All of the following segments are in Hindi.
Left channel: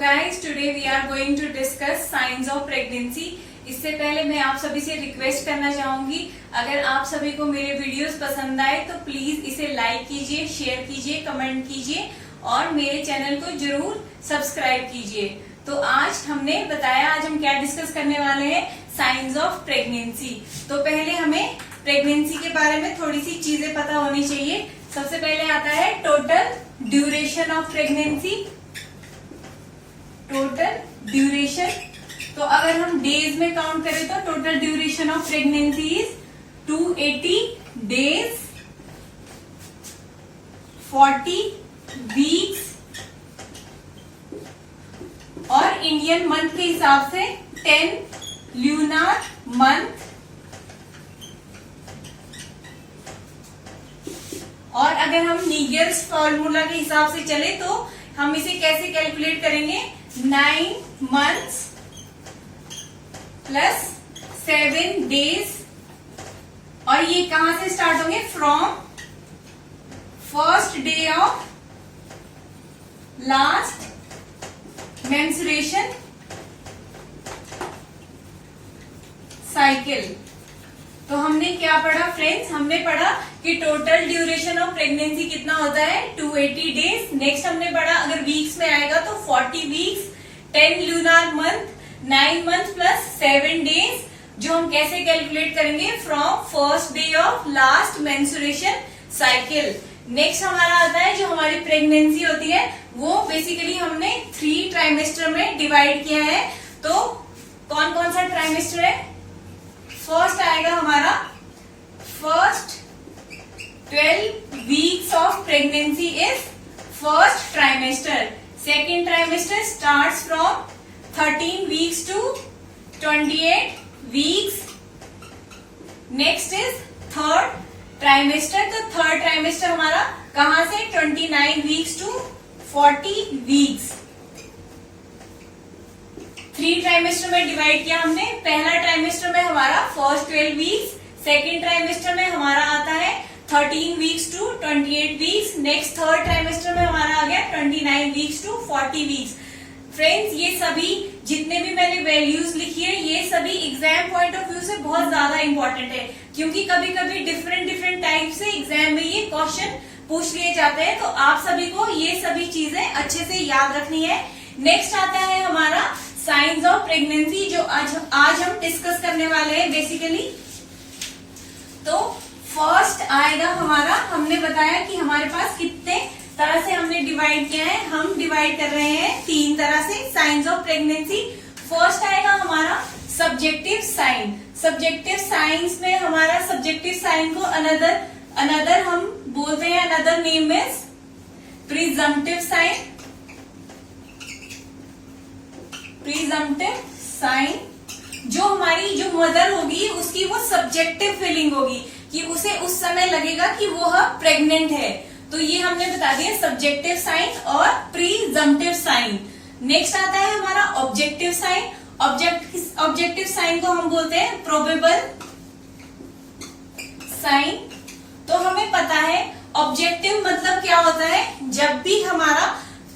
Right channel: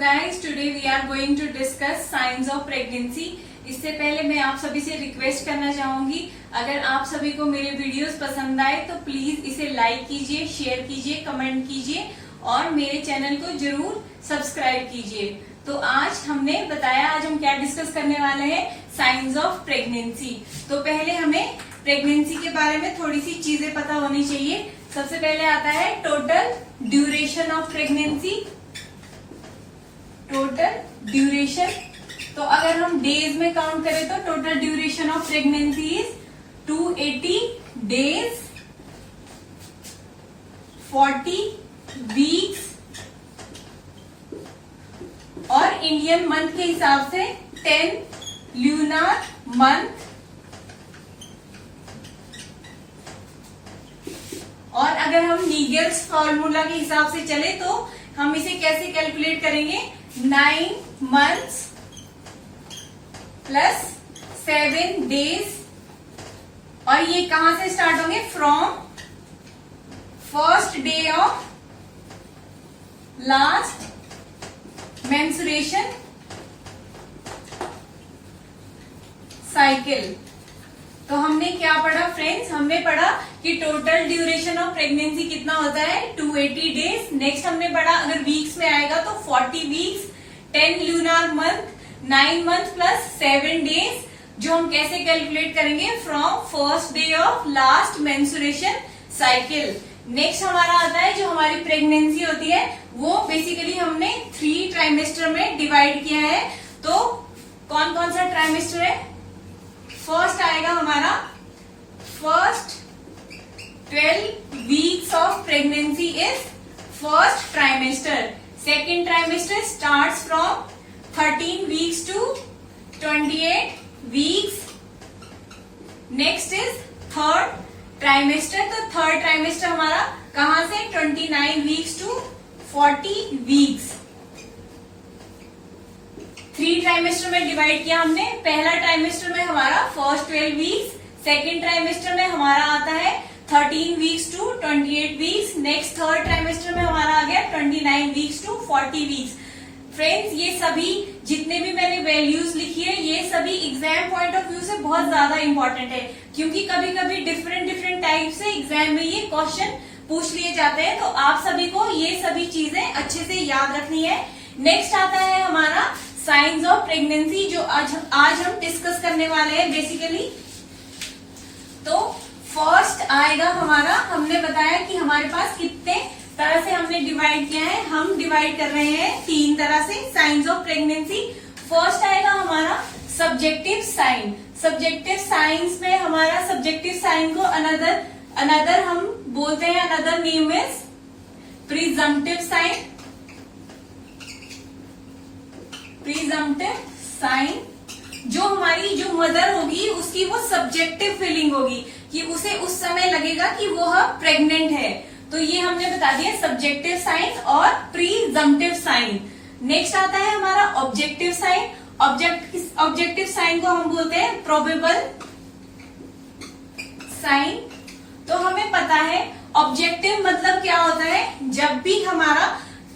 Guys today we are going to discuss science of pregnancy. इससे पहले मैं आप सभी से रिक्वेस्ट करना चाहूंगी, अगर आप सभी को मेरे वीडियोस पसंद आए तो प्लीज इसे लाइक कीजिए, शेयर कीजिए, कमेंट कीजिए और मेरे चैनल को जरूर सब्सक्राइब कीजिए। तो आज हमने बताया, आज हम क्या डिस्कस करने वाले हैं, साइंस ऑफ प्रेगनेंसी। तो पहले हमें प्रेगनेंसी के बारे में थोड़ी सी चीजें पता होनी चाहिए। सबसे पहले आता है total duration of pregnancy. Total duration, तो अगर हम डेज में काउंट करें तो total duration of pregnancy is 280 days, 40 weeks और इंडियन मंथ के हिसाब से 10 ल्यूनार मंथ। और अगर हम नीगल्स फॉर्मूला के हिसाब से चले तो हम इसे कैसे कैलकुलेट करेंगे, 9 months प्लस 7 days। और ये कहां से स्टार्ट होंगे, from first day of last menstruation cycle. तो हमने क्या पढ़ा फ्रेंड्स, हमने पढ़ा कि टोटल ड्यूरेशन ऑफ प्रेगनेंसी कितना होता है, 280 डेज। नेक्स्ट हमने पढ़ा अगर वीक्स में आएगा तो 40 weeks, 10 lunar month, 9 month plus 7 days, जो हम कैसे कैलकुलेट करेंगे, from first day of last menstruation cycle. Next हमारा आता है जो हमारी प्रेगनेंसी होती है वो बेसिकली हमने 3 ट्राइमेस्टर में डिवाइड किया है। तो कौन कौन सा ट्राइमेस्टर है, फर्स्ट आएगा हमारा first 12 weeks of pregnancy is first trimester. Second trimester starts from 13 weeks to 28 weeks. Next is third trimester. तो थर्ड ट्राइमेस्टर हमारा कहां से, 29 वीक्स टू 40 वीक्स। 3 ट्राइमेस्टर में डिवाइड किया हमने। पहला ट्राइमेस्टर में हमारा फर्स्ट 12 वीक्स, सेकेंड ट्राइमेस्टर में हमारा आता है 13 weeks to 28 weeks. Next third trimester में हमारा आ गया 29 वीक्स टू 40 वीक्स। फ्रेंड्स ये सभी जितने भी मैंने वैल्यूज लिखी है ये सभी एग्जाम पॉइंट ऑफ व्यू से बहुत ज्यादा इंपॉर्टेंट है, क्योंकि कभी कभी डिफरेंट टाइप से एग्जाम में ये क्वेश्चन पूछ लिए जाते हैं। तो आप सभी को ये सभी चीजें अच्छे से याद रखनी है। नेक्स्ट आता है हमारा साइंस ऑफ प्रेगनेंसी, जो आज हम डिस्कस करने वाले हैं बेसिकली। तो फर्स्ट आएगा हमारा, हमने बताया कि हमारे पास कितने तरह से हमने डिवाइड किया है, हम डिवाइड कर रहे हैं 3 तरह से साइंस ऑफ प्रेगनेंसी। फर्स्ट आएगा हमारा सब्जेक्टिव साइन। सब्जेक्टिव साइंस में हमारा सब्जेक्टिव साइन को अनदर हम बोलते हैं, another name is presumptive sign. Presumptive sign, जो हमारी जो मदर होगी उसकी वो सब्जेक्टिव फीलिंग होगी कि उसे उस समय लगेगा कि वो प्रेग्नेंट है। तो ये हमने बता दिया सब्जेक्टिव साइन और प्रीजम्पटिव साइन। नेक्स्ट आता है हमारा ऑब्जेक्टिव साइन। ऑब्जेक्टिव साइन को हम बोलते हैं प्रोबेबल साइन। तो हमें पता है ऑब्जेक्टिव मतलब क्या होता है, जब भी हमारा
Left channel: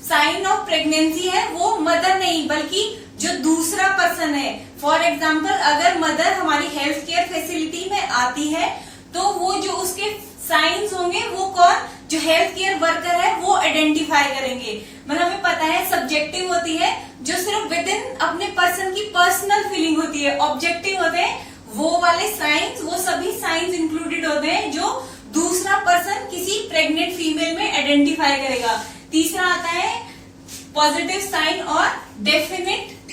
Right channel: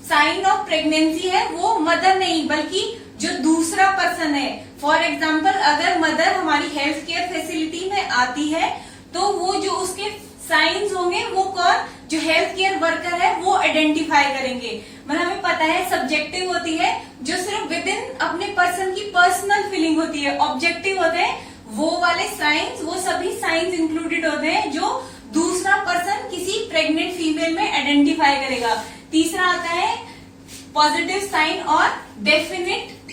साइन ऑफ प्रेगनेंसी है वो मदर नहीं बल्कि जो दूसरा पर्सन है। फॉर एग्जाम्पल अगर मदर हमारी हेल्थ केयर फैसिलिटी में आती है तो वो जो उसके साइंस होंगे वो कौन, जो हेल्थ केयर वर्कर है वो आइडेंटिफाई करेंगे। मतलब हमें पता है सब्जेक्टिव होती है जो सिर्फ विद इन अपने पर्सन की पर्सनल फीलिंग होती है। ऑब्जेक्टिव होते हैं वो वाले साइंस, वो सभी साइंस इंक्लूडेड होते हैं जो दूसरा पर्सन किसी प्रेग्नेंट फीमेल में आइडेंटिफाई करेगा। तीसरा आता है पॉजिटिव साइन और डेफिनेट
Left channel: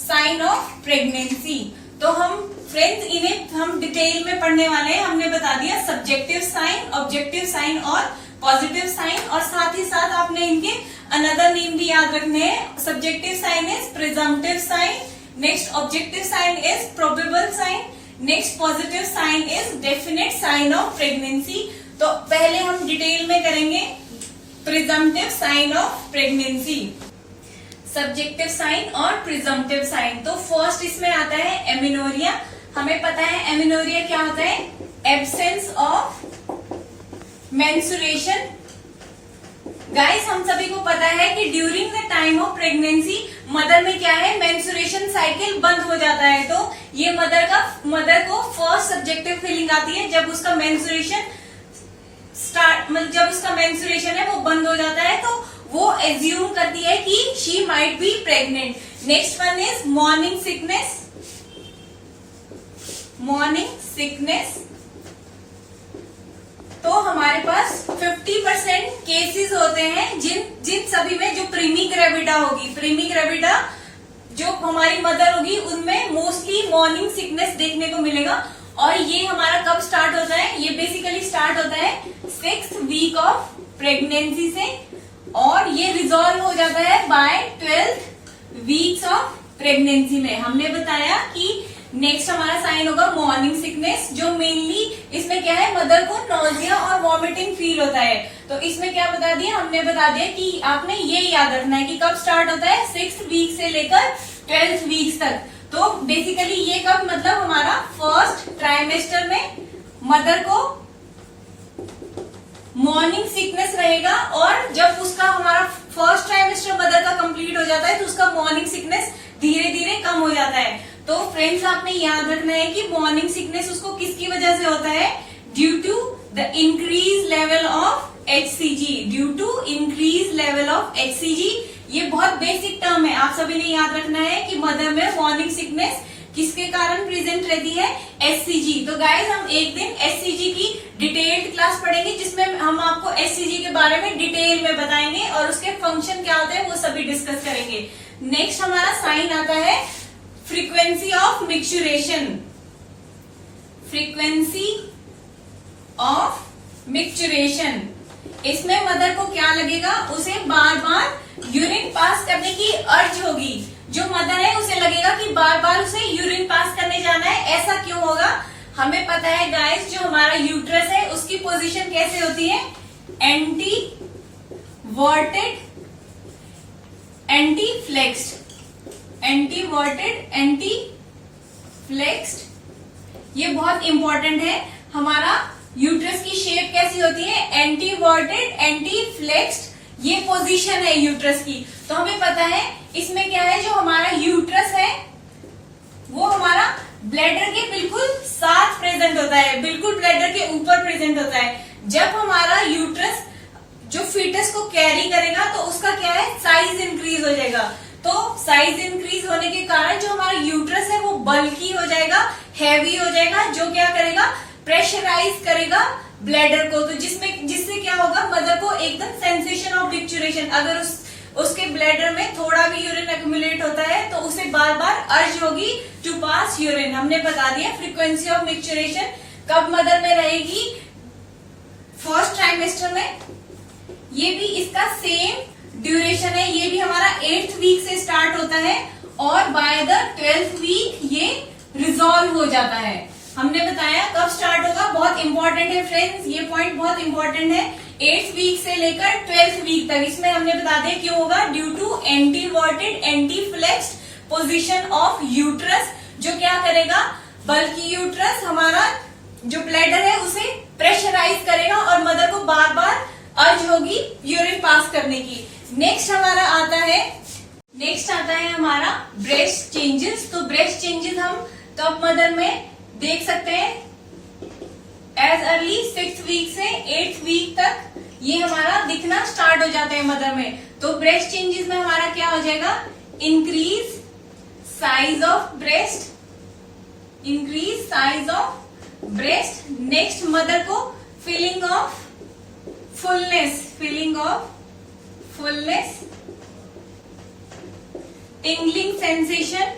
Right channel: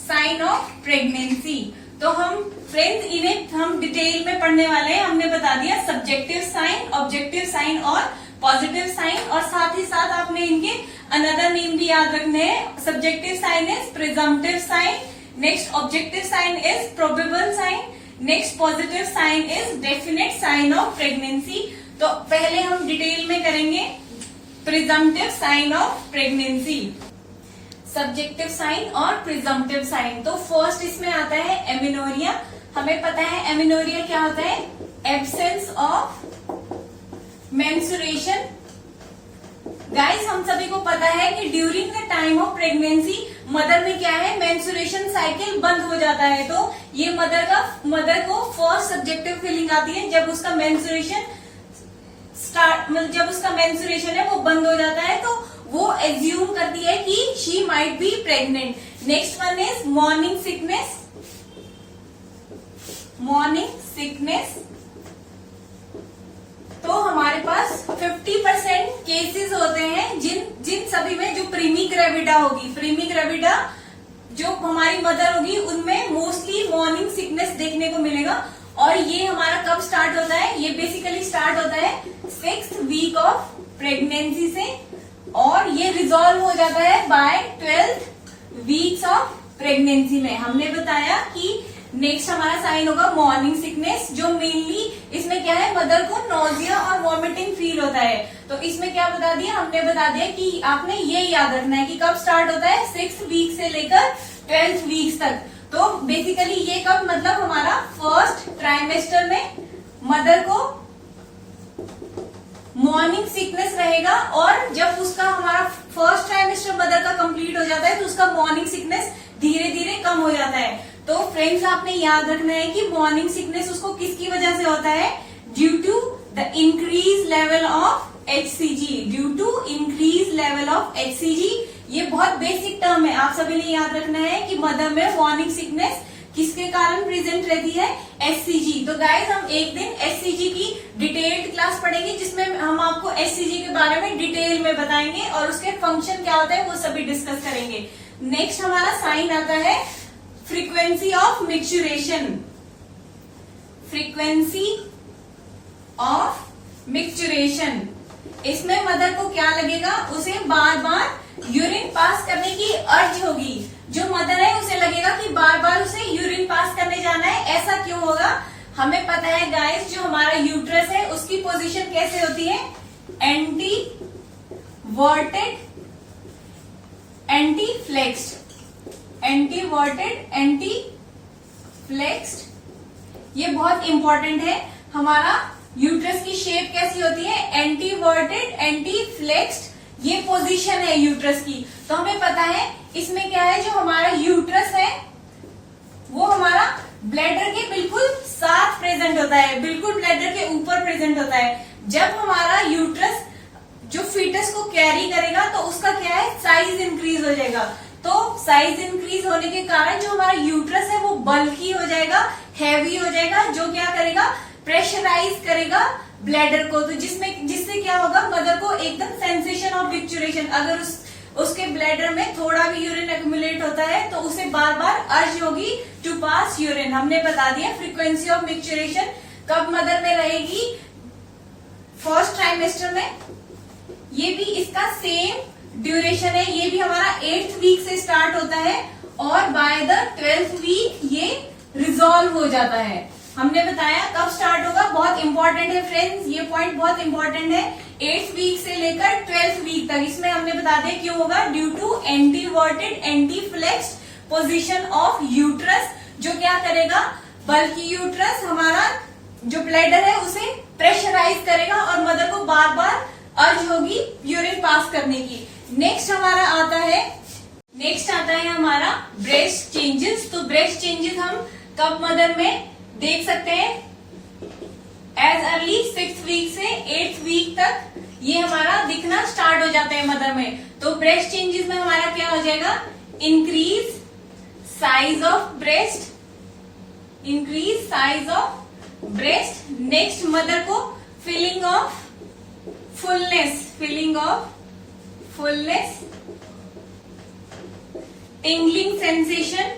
साइन ऑफ प्रेगनेंसी। तो हम फ्रेंड्स इन्हें हम डिटेल में पढ़ने वाले हैं। हमने बता दिया सब्जेक्टिव साइन, ऑब्जेक्टिव साइन और पॉजिटिव साइन, और साथ ही साथ आपने इनके अनदर नेम भी याद रखने हैं। Subjective sign is presumptive sign, next objective sign is probable sign, next positive sign is definite sign of pregnancy. तो पहले हम डिटेल में करेंगे presumptive sign of pregnancy, subjective sign और प्रिजम्पटिव साइन। तो फर्स्ट इसमें आता है एमिनोरिया। हमें पता है एमिनोरिया क्या होता है, एब्सेंस ऑफ मेंस्ट्रुएशन गाइस हम सभी को पता है कि during the time of pregnancy mother में क्या है, मेंस्ट्रुएशन साइकिल बंद हो जाता है। तो ये मदर को फर्स्ट सब्जेक्टिव फीलिंग आती है जब उसका मेंस्ट्रुएशन है वो बंद हो जाता है, तो वो एज्यूम करती है कि she might be pregnant. Next one is morning sickness. तो हमारे पास 50% केसेस होते हैं जिन सभी में जो प्रीमी ग्रेविडा होगी, प्रीमी ग्रेविडा जो हमारी मदर होगी उनमें मोस्टली मॉर्निंग सिकनेस देखने को मिलेगा। और ये हमारा कब स्टार्ट होता है, ये बेसिकली स्टार्ट होता है 6th वीक ऑफ प्रेगनेंसी से और ये रिजॉल्व हो जाता है bye 12th weeks of pregnancy में। हमने बताया कि नेक्स्ट हमारा साइन होगा मॉर्निंग सिकनेस, जो मेनली इसमें क्या है, मदर को नोजिया और वॉमिटिंग फील होता है। तो इसमें क्या बता दिया, हमने बता दिया कि आपने ये याद रखना है कि कब स्टार्ट होता है, 6th वीक से लेकर 12th वीक्स तक। तो बेसिकली ये कब, मतलब हमारा फर्स्ट ट्राइमेस्टर में मदर को मॉर्निंग सिकनेस रहेगा और जब उसका हमारा फर्स्ट ट्राइमेस्टर मदर का कंप्लीट हो जाता है तो उसका मॉर्निंग सिकनेस धीरे धीरे कम हो जाता है। तो फ्रेंड्स आपने याद रखना है कि मॉर्निंग सिकनेस उसको किसकी वजह से होता है, due to the increase level of HCG, due to increase level of HCG। ये बहुत बेसिक टर्म है, आप सभी ने याद रखना है कि मदर में मॉर्निंग सिकनेस किसके कारण प्रेजेंट रहती है, HCG। तो गाइज हम एक दिन HCG की डिटेल्ड क्लास पढ़ेंगे जिसमें हम आपको HCG के बारे में डिटेल में बताएंगे और उसके फंक्शन क्या होते हैं वो सभी डिस्कस करेंगे। नेक्स्ट हमारा साइन आता है frequency of micturition. Frequency of micturition, इसमें मदर को क्या लगेगा, उसे बार बार यूरिन पास करने की अर्ज होगी। जो मदर है उसे लगेगा कि बार बार उसे यूरिन पास करने जाना है। ऐसा क्यों होगा, हमें पता है गाइस, जो हमारा यूट्रस है उसकी पोजीशन कैसे होती है, anteverted anteflexed, anteverted anteflexed. ये बहुत इंपॉर्टेंट है, हमारा यूट्रस की शेप कैसी होती है, एंटी वर्टेड एंटी फ्लेक्स्ड, ये पोजीशन है यूट्रस की। तो हमें पता है इसमें क्या है, जो हमारा यूट्रस है वो हमारा ब्लैडर के बिल्कुल साथ प्रेजेंट होता है, बिल्कुल ब्लैडर के ऊपर प्रेजेंट होता है। जब हमारा यूट्रस जो फीटस को कैरी करेगा तो उसका क्या है, साइज इंक्रीज हो जाएगा। तो साइज इंक्रीज होने के कारण जो हमारा यूट्रस है वो बल्की हो जाएगा, हैवी हो जाएगा, जो क्या करेगा, प्रेशराइज करेगा ब्लैडर को। तो जिससे क्या होगा, मदर को एकदम सेंसेशन ऑफ मिक्चुरेशन, अगर उसके ब्लैडर में थोड़ा भी यूरिन एक्यूमुलेट होता है तो उसे बार बार अर्ज होगी टू पास यूरिन। हमने बता दिया फ्रीक्वेंसी ऑफ मिक्चुरेशन कब मदर में रहेगी, फर्स्ट ट्राइमेस्टर में। ये भी इसका सेम ड्यूरेशन है, ये भी हमारा 8th वीक से स्टार्ट होता है और बाय द 12th वीक ये रिजॉल्व हो जाता है। हमने बताया कब स्टार्ट होगा, बहुत इंपॉर्टेंट है फ्रेंड्स, ये पॉइंट बहुत इंपॉर्टेंट है। 8th वीक से लेकर 12th वीक तक, इसमें हमने बता दिया क्यों होगा, due to anteverted anteflexed position of uterus, जो क्या करेगा, बल्कि यूट्रस हमारा जो ब्लैडर है उसे प्रेशराइज करेगा और मदर को बार बार अर्ज होगी यूरिन पास करने की। नेक्स्ट आता है हमारा ब्रेस्ट चेंजेस। तो ब्रेस्ट चेंजेस हम कब मदर में देख सकते हैं, एज अर्ली 6th वीक से 8th वीक तक ये हमारा दिखना स्टार्ट हो जाते हैं मदर में। तो ब्रेस्ट चेंजेस में हमारा क्या हो जाएगा, increase size of breast, increase size of breast. Next mother को feeling of fullness, feeling of fullness, tingling sensation,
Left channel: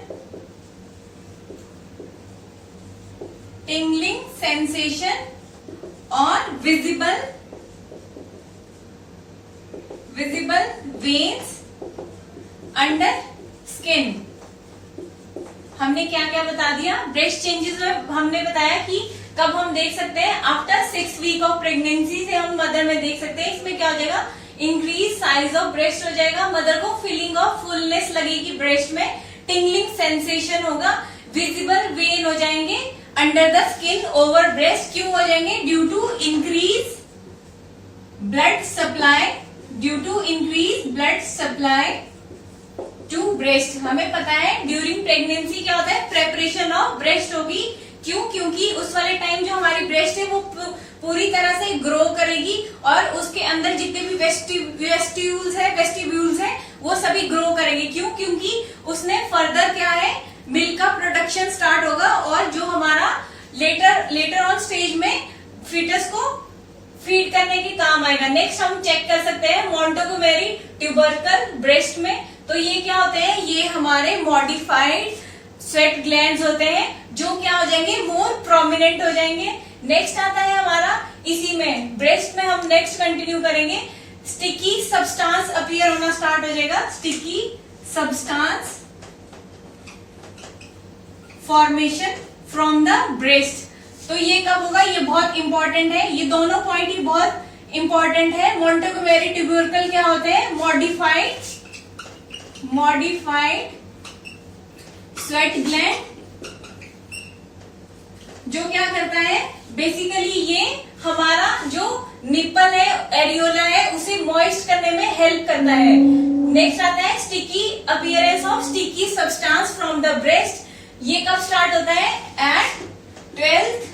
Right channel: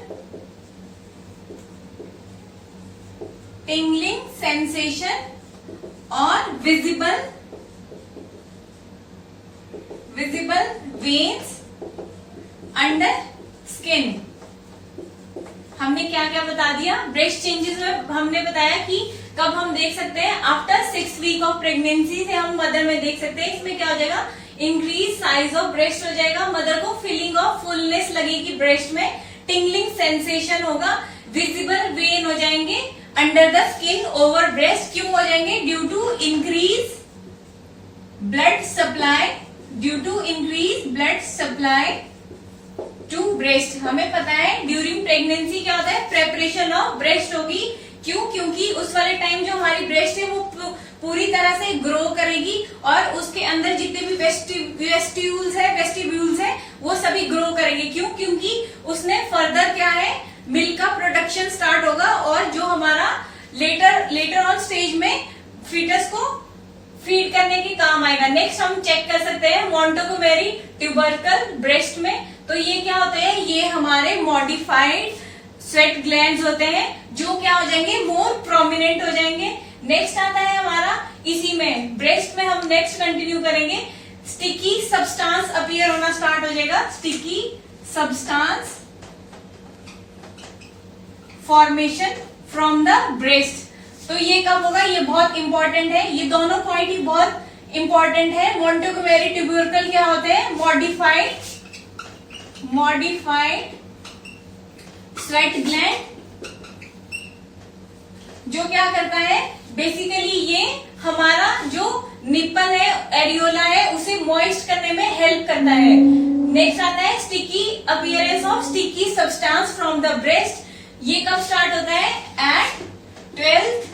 tingling sensation और विजिबल वेन्स अंडर स्किन। हमने क्या क्या बता दिया, ब्रेस्ट चेंजेस में हमने बताया कि कब हम देख सकते हैं, after 6th week of pregnancy से हम मदर में देख सकते हैं। इसमें क्या हो जाएगा, इंक्रीज साइज ऑफ ब्रेस्ट हो जाएगा, मदर को फीलिंग ऑफ फुलनेस लगेगी ब्रेस्ट में, टिंगलिंग सेंसेशन होगा, विजिबल वेन हो जाएंगे under the skin over breast. क्यों हो जाएंगे, due to increase blood supply due to increase blood supply to breast. हमें पता है ड्यूरिंग प्रेगनेंसी क्या होता है, प्रेपरेशन ऑफ ब्रेस्ट होगी। क्यों? क्योंकि उस वाले टाइम जो हमारी ब्रेस्ट है वो पूरी तरह से ग्रो करेगी और उसके अंदर जितने भी वेस्टिब्यूल्स है वो सभी ग्रो करेंगे। क्यों? क्योंकि उसमें फर्दर क्या है, मिल्क का प्रोडक्शन स्टार्ट होगा और जो हमारा लेटर ऑन स्टेज में फीटस को फीड करने के काम आएगा। नेक्स्ट हम चेक कर सकते हैं मोंटेगोमेरी ट्यूबरकल ब्रेस्ट में। तो ये क्या होते हैं, ये हमारे मॉडिफाइड स्वेट ग्लैंड्स होते हैं जो क्या हो जाएंगे, मोर प्रोमिनेंट हो जाएंगे। नेक्स्ट आता है हमारा इसी में ब्रेस्ट में हम नेक्स्ट कंटिन्यू करेंगे, स्टिकी सब्सटेंस अपीयर होना स्टार्ट हो जाएगा। Sticky substance formation from the breast. तो ये कब होगा, ये बहुत इंपॉर्टेंट है, ये दोनों पॉइंट ही बहुत इंपॉर्टेंट है। मोंटेगोमेरी ट्यूबरकल क्या होते हैं, मॉडिफाइड स्वेट ग्लैंड, जो क्या करता है, बेसिकली ये हमारा जो निपल है, एरियोला है, उसे मॉइस्ट करने में हेल्प करता है। नेक्स्ट आता है sticky appearance of sticky substance from the breast. ये कब स्टार्ट होता है, एट 12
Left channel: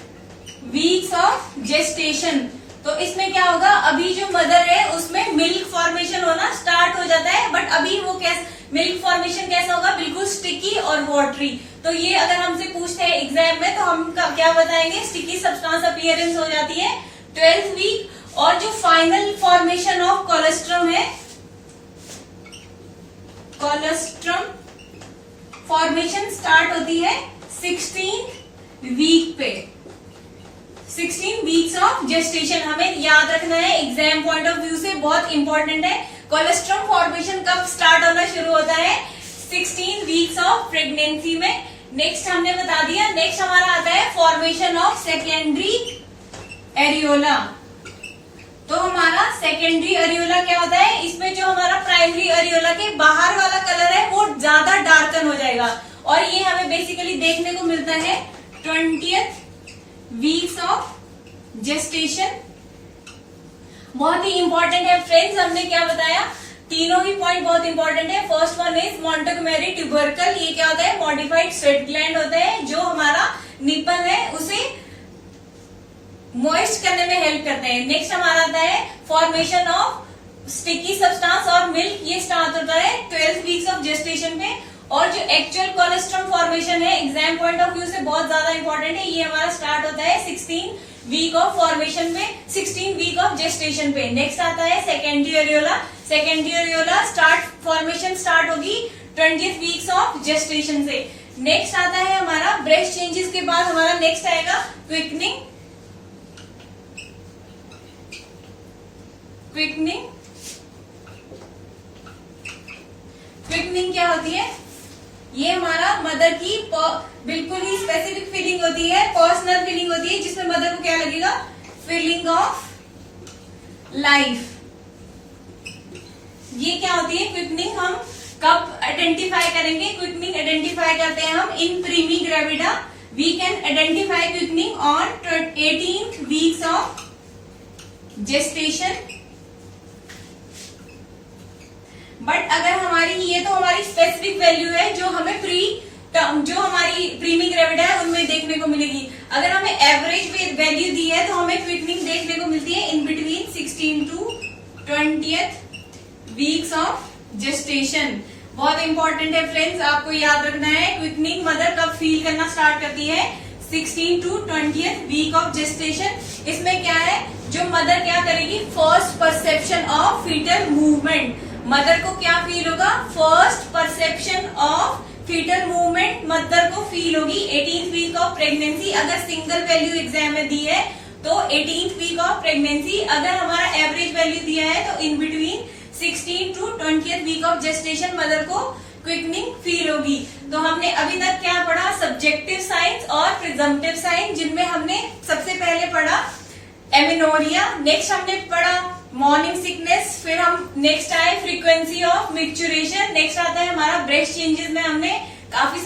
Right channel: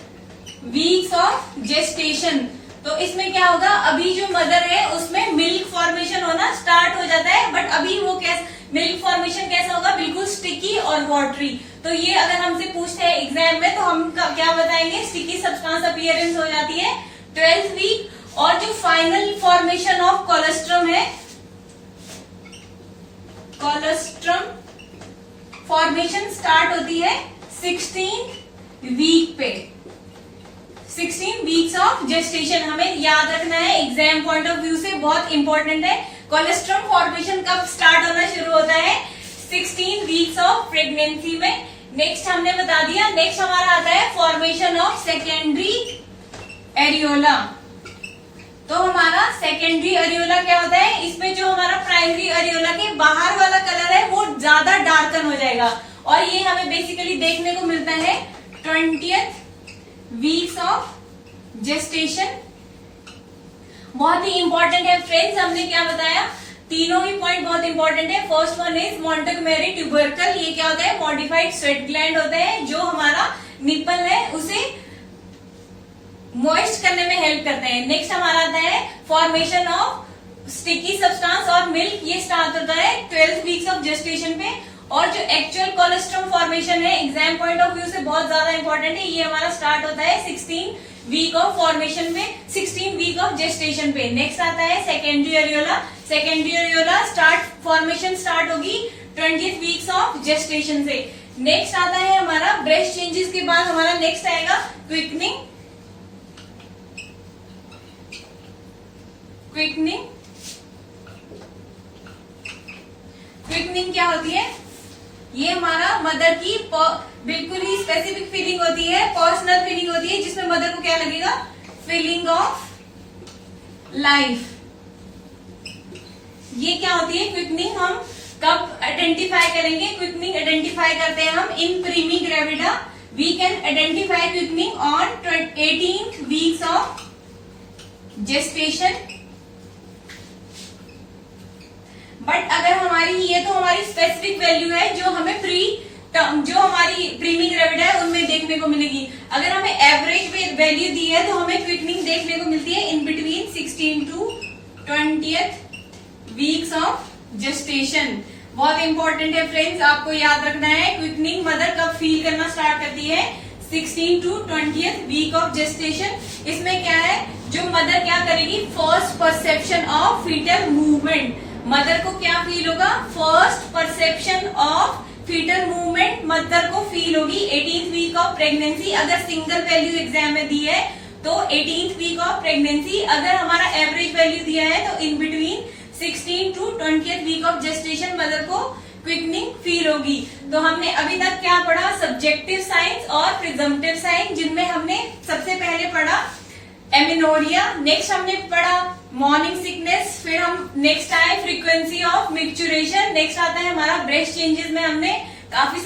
वीक्स ऑफ जेस्टेशन। तो इसमें क्या होगा, अभी जो मदर है उसमें मिल्क फॉर्मेशन होना स्टार्ट हो जाता है, बट अभी वो कैसे मिल्क फॉर्मेशन कैसा होगा, बिल्कुल स्टिकी और वाटरी। तो ये अगर हमसे पूछते हैं एग्जाम में तो हम क्या बताएंगे, स्टिकी सब्सटेंस अपीयरेंस हो जाती है 12 वीक। और जो फाइनल फॉर्मेशन ऑफ कोलेस्ट्रम है, कोलेस्ट्रम फॉर्मेशन स्टार्ट होती है 16 वीक पे, 16 वीक्स ऑफ जेस्टेशन। हमें याद रखना है, एग्जाम पॉइंट ऑफ व्यू से बहुत इंपॉर्टेंट है। कोलेस्ट्रम फॉर्मेशन कब स्टार्ट होना शुरू होता है, 16 वीक्स ऑफ प्रेगनेंसी में। नेक्स्ट हमने बता दिया। नेक्स्ट हमारा आता है फॉर्मेशन ऑफ सेकेंडरी एरियोला। तो हमारा सेकेंडरी एरियोला क्या होता है, इसमें जो हमारा प्राइमरी एरियोला के बाहर वाला कलर है वो ज्यादा डार्कन हो जाएगा और ये हमें बेसिकली देखने को मिलता है 20th वीक्स ऑफ जेस्टेशन। बहुत ही इंपॉर्टेंट है फ्रेंड्स, हमने क्या बताया, तीनों ही पॉइंट बहुत इंपॉर्टेंट है। First one is Montgomery tubercle. ये क्या होता है, मॉडिफाइड स्वेट ग्लैंड होते हैं जो हमारा निपल है उसे मॉइस्ट करने में हेल्प करते हैं। नेक्स्ट हमारा आता है फॉर्मेशन ऑफ स्टिकी सब्सटेंस और मिल्क। ये स्टार्ट होता है 12 वीक्स ऑफ जेस्टेशन पे। और जो एक्चुअल कोलेस्ट्रम फॉर्मेशन है, एग्जाम पॉइंट ऑफ व्यू से बहुत ज्यादा इंपॉर्टेंट है, ये हमारा स्टार्ट होता है 16 वीक ऑफ फॉर्मेशन में, 16 वीक ऑफ जेस्टेशन पे। नेक्स्ट आता है secondary areola. Secondary areola formation start होगी 20th वीक्स ऑफ जेस्टेशन से। नेक्स्ट आता है हमारा ब्रेस्ट चेंजेस के बाद हमारा नेक्स्ट आएगा क्विकनिंग। क्विकनिंग क्या होती है, ये हमारा मदर की बिल्कुल ही स्पेसिफिक फीलिंग होती है, पर्सनल फीलिंग होती है, जिसमें मदर को क्या लगेगा, फीलिंग ऑफ लाइफ। ये क्या होती है क्विकनिंग, हम कब आइडेंटिफाई करेंगे, क्विकनिंग आइडेंटिफाई करते हैं हम इन primigravida. We can identify quickening on 18th weeks of gestation. But अगर हमारी, ये तो हमारी स्पेसिफिक वैल्यू है जो हमें जो हमारी प्रीमी ग्रेविडा है उनमें देखने को मिलेगी। अगर हमें एवरेज वैल्यू दी है तो हमें क्विकनिंग देखने को मिलती है in between 16 to 20th weeks of gestation. बहुत इंपॉर्टेंट है फ्रेंड्स, आपको याद रखना है क्विकनिंग मदर कब फील करना स्टार्ट करती है, 16 to 20th week of gestation. इसमें क्या है, जो मदर क्या करेगी, first perception of fetal movement. Mother को क्या फील होगा, first perception of fetal movement mother को फील होगी 18th वीक ऑफ प्रेगनेंसी। अगर सिंगल वैल्यू एग्जाम में दी है तो 18th वीक ऑफ प्रेगनेंसी। अगर हमारा एवरेज वैल्यू दिया है तो in between 16 to 20th week of gestation mother को क्विकनिंग फील होगी। तो हमने अभी तक क्या पढ़ा, सब्जेक्टिव साइंस और प्रिजम्पटिव साइंस, जिनमें हमने सबसे पहले पढ़ा एमेनोरिया, नेक्स्ट हमने पढ़ा मॉर्निंग सिकनेस, फिर हम नेक्स्ट आए फ्रीक्वेंसी ऑफ मिक्चुरेशन, नेक्स्ट आता है हमारा ब्रेस्ट चेंजेस में हमने काफी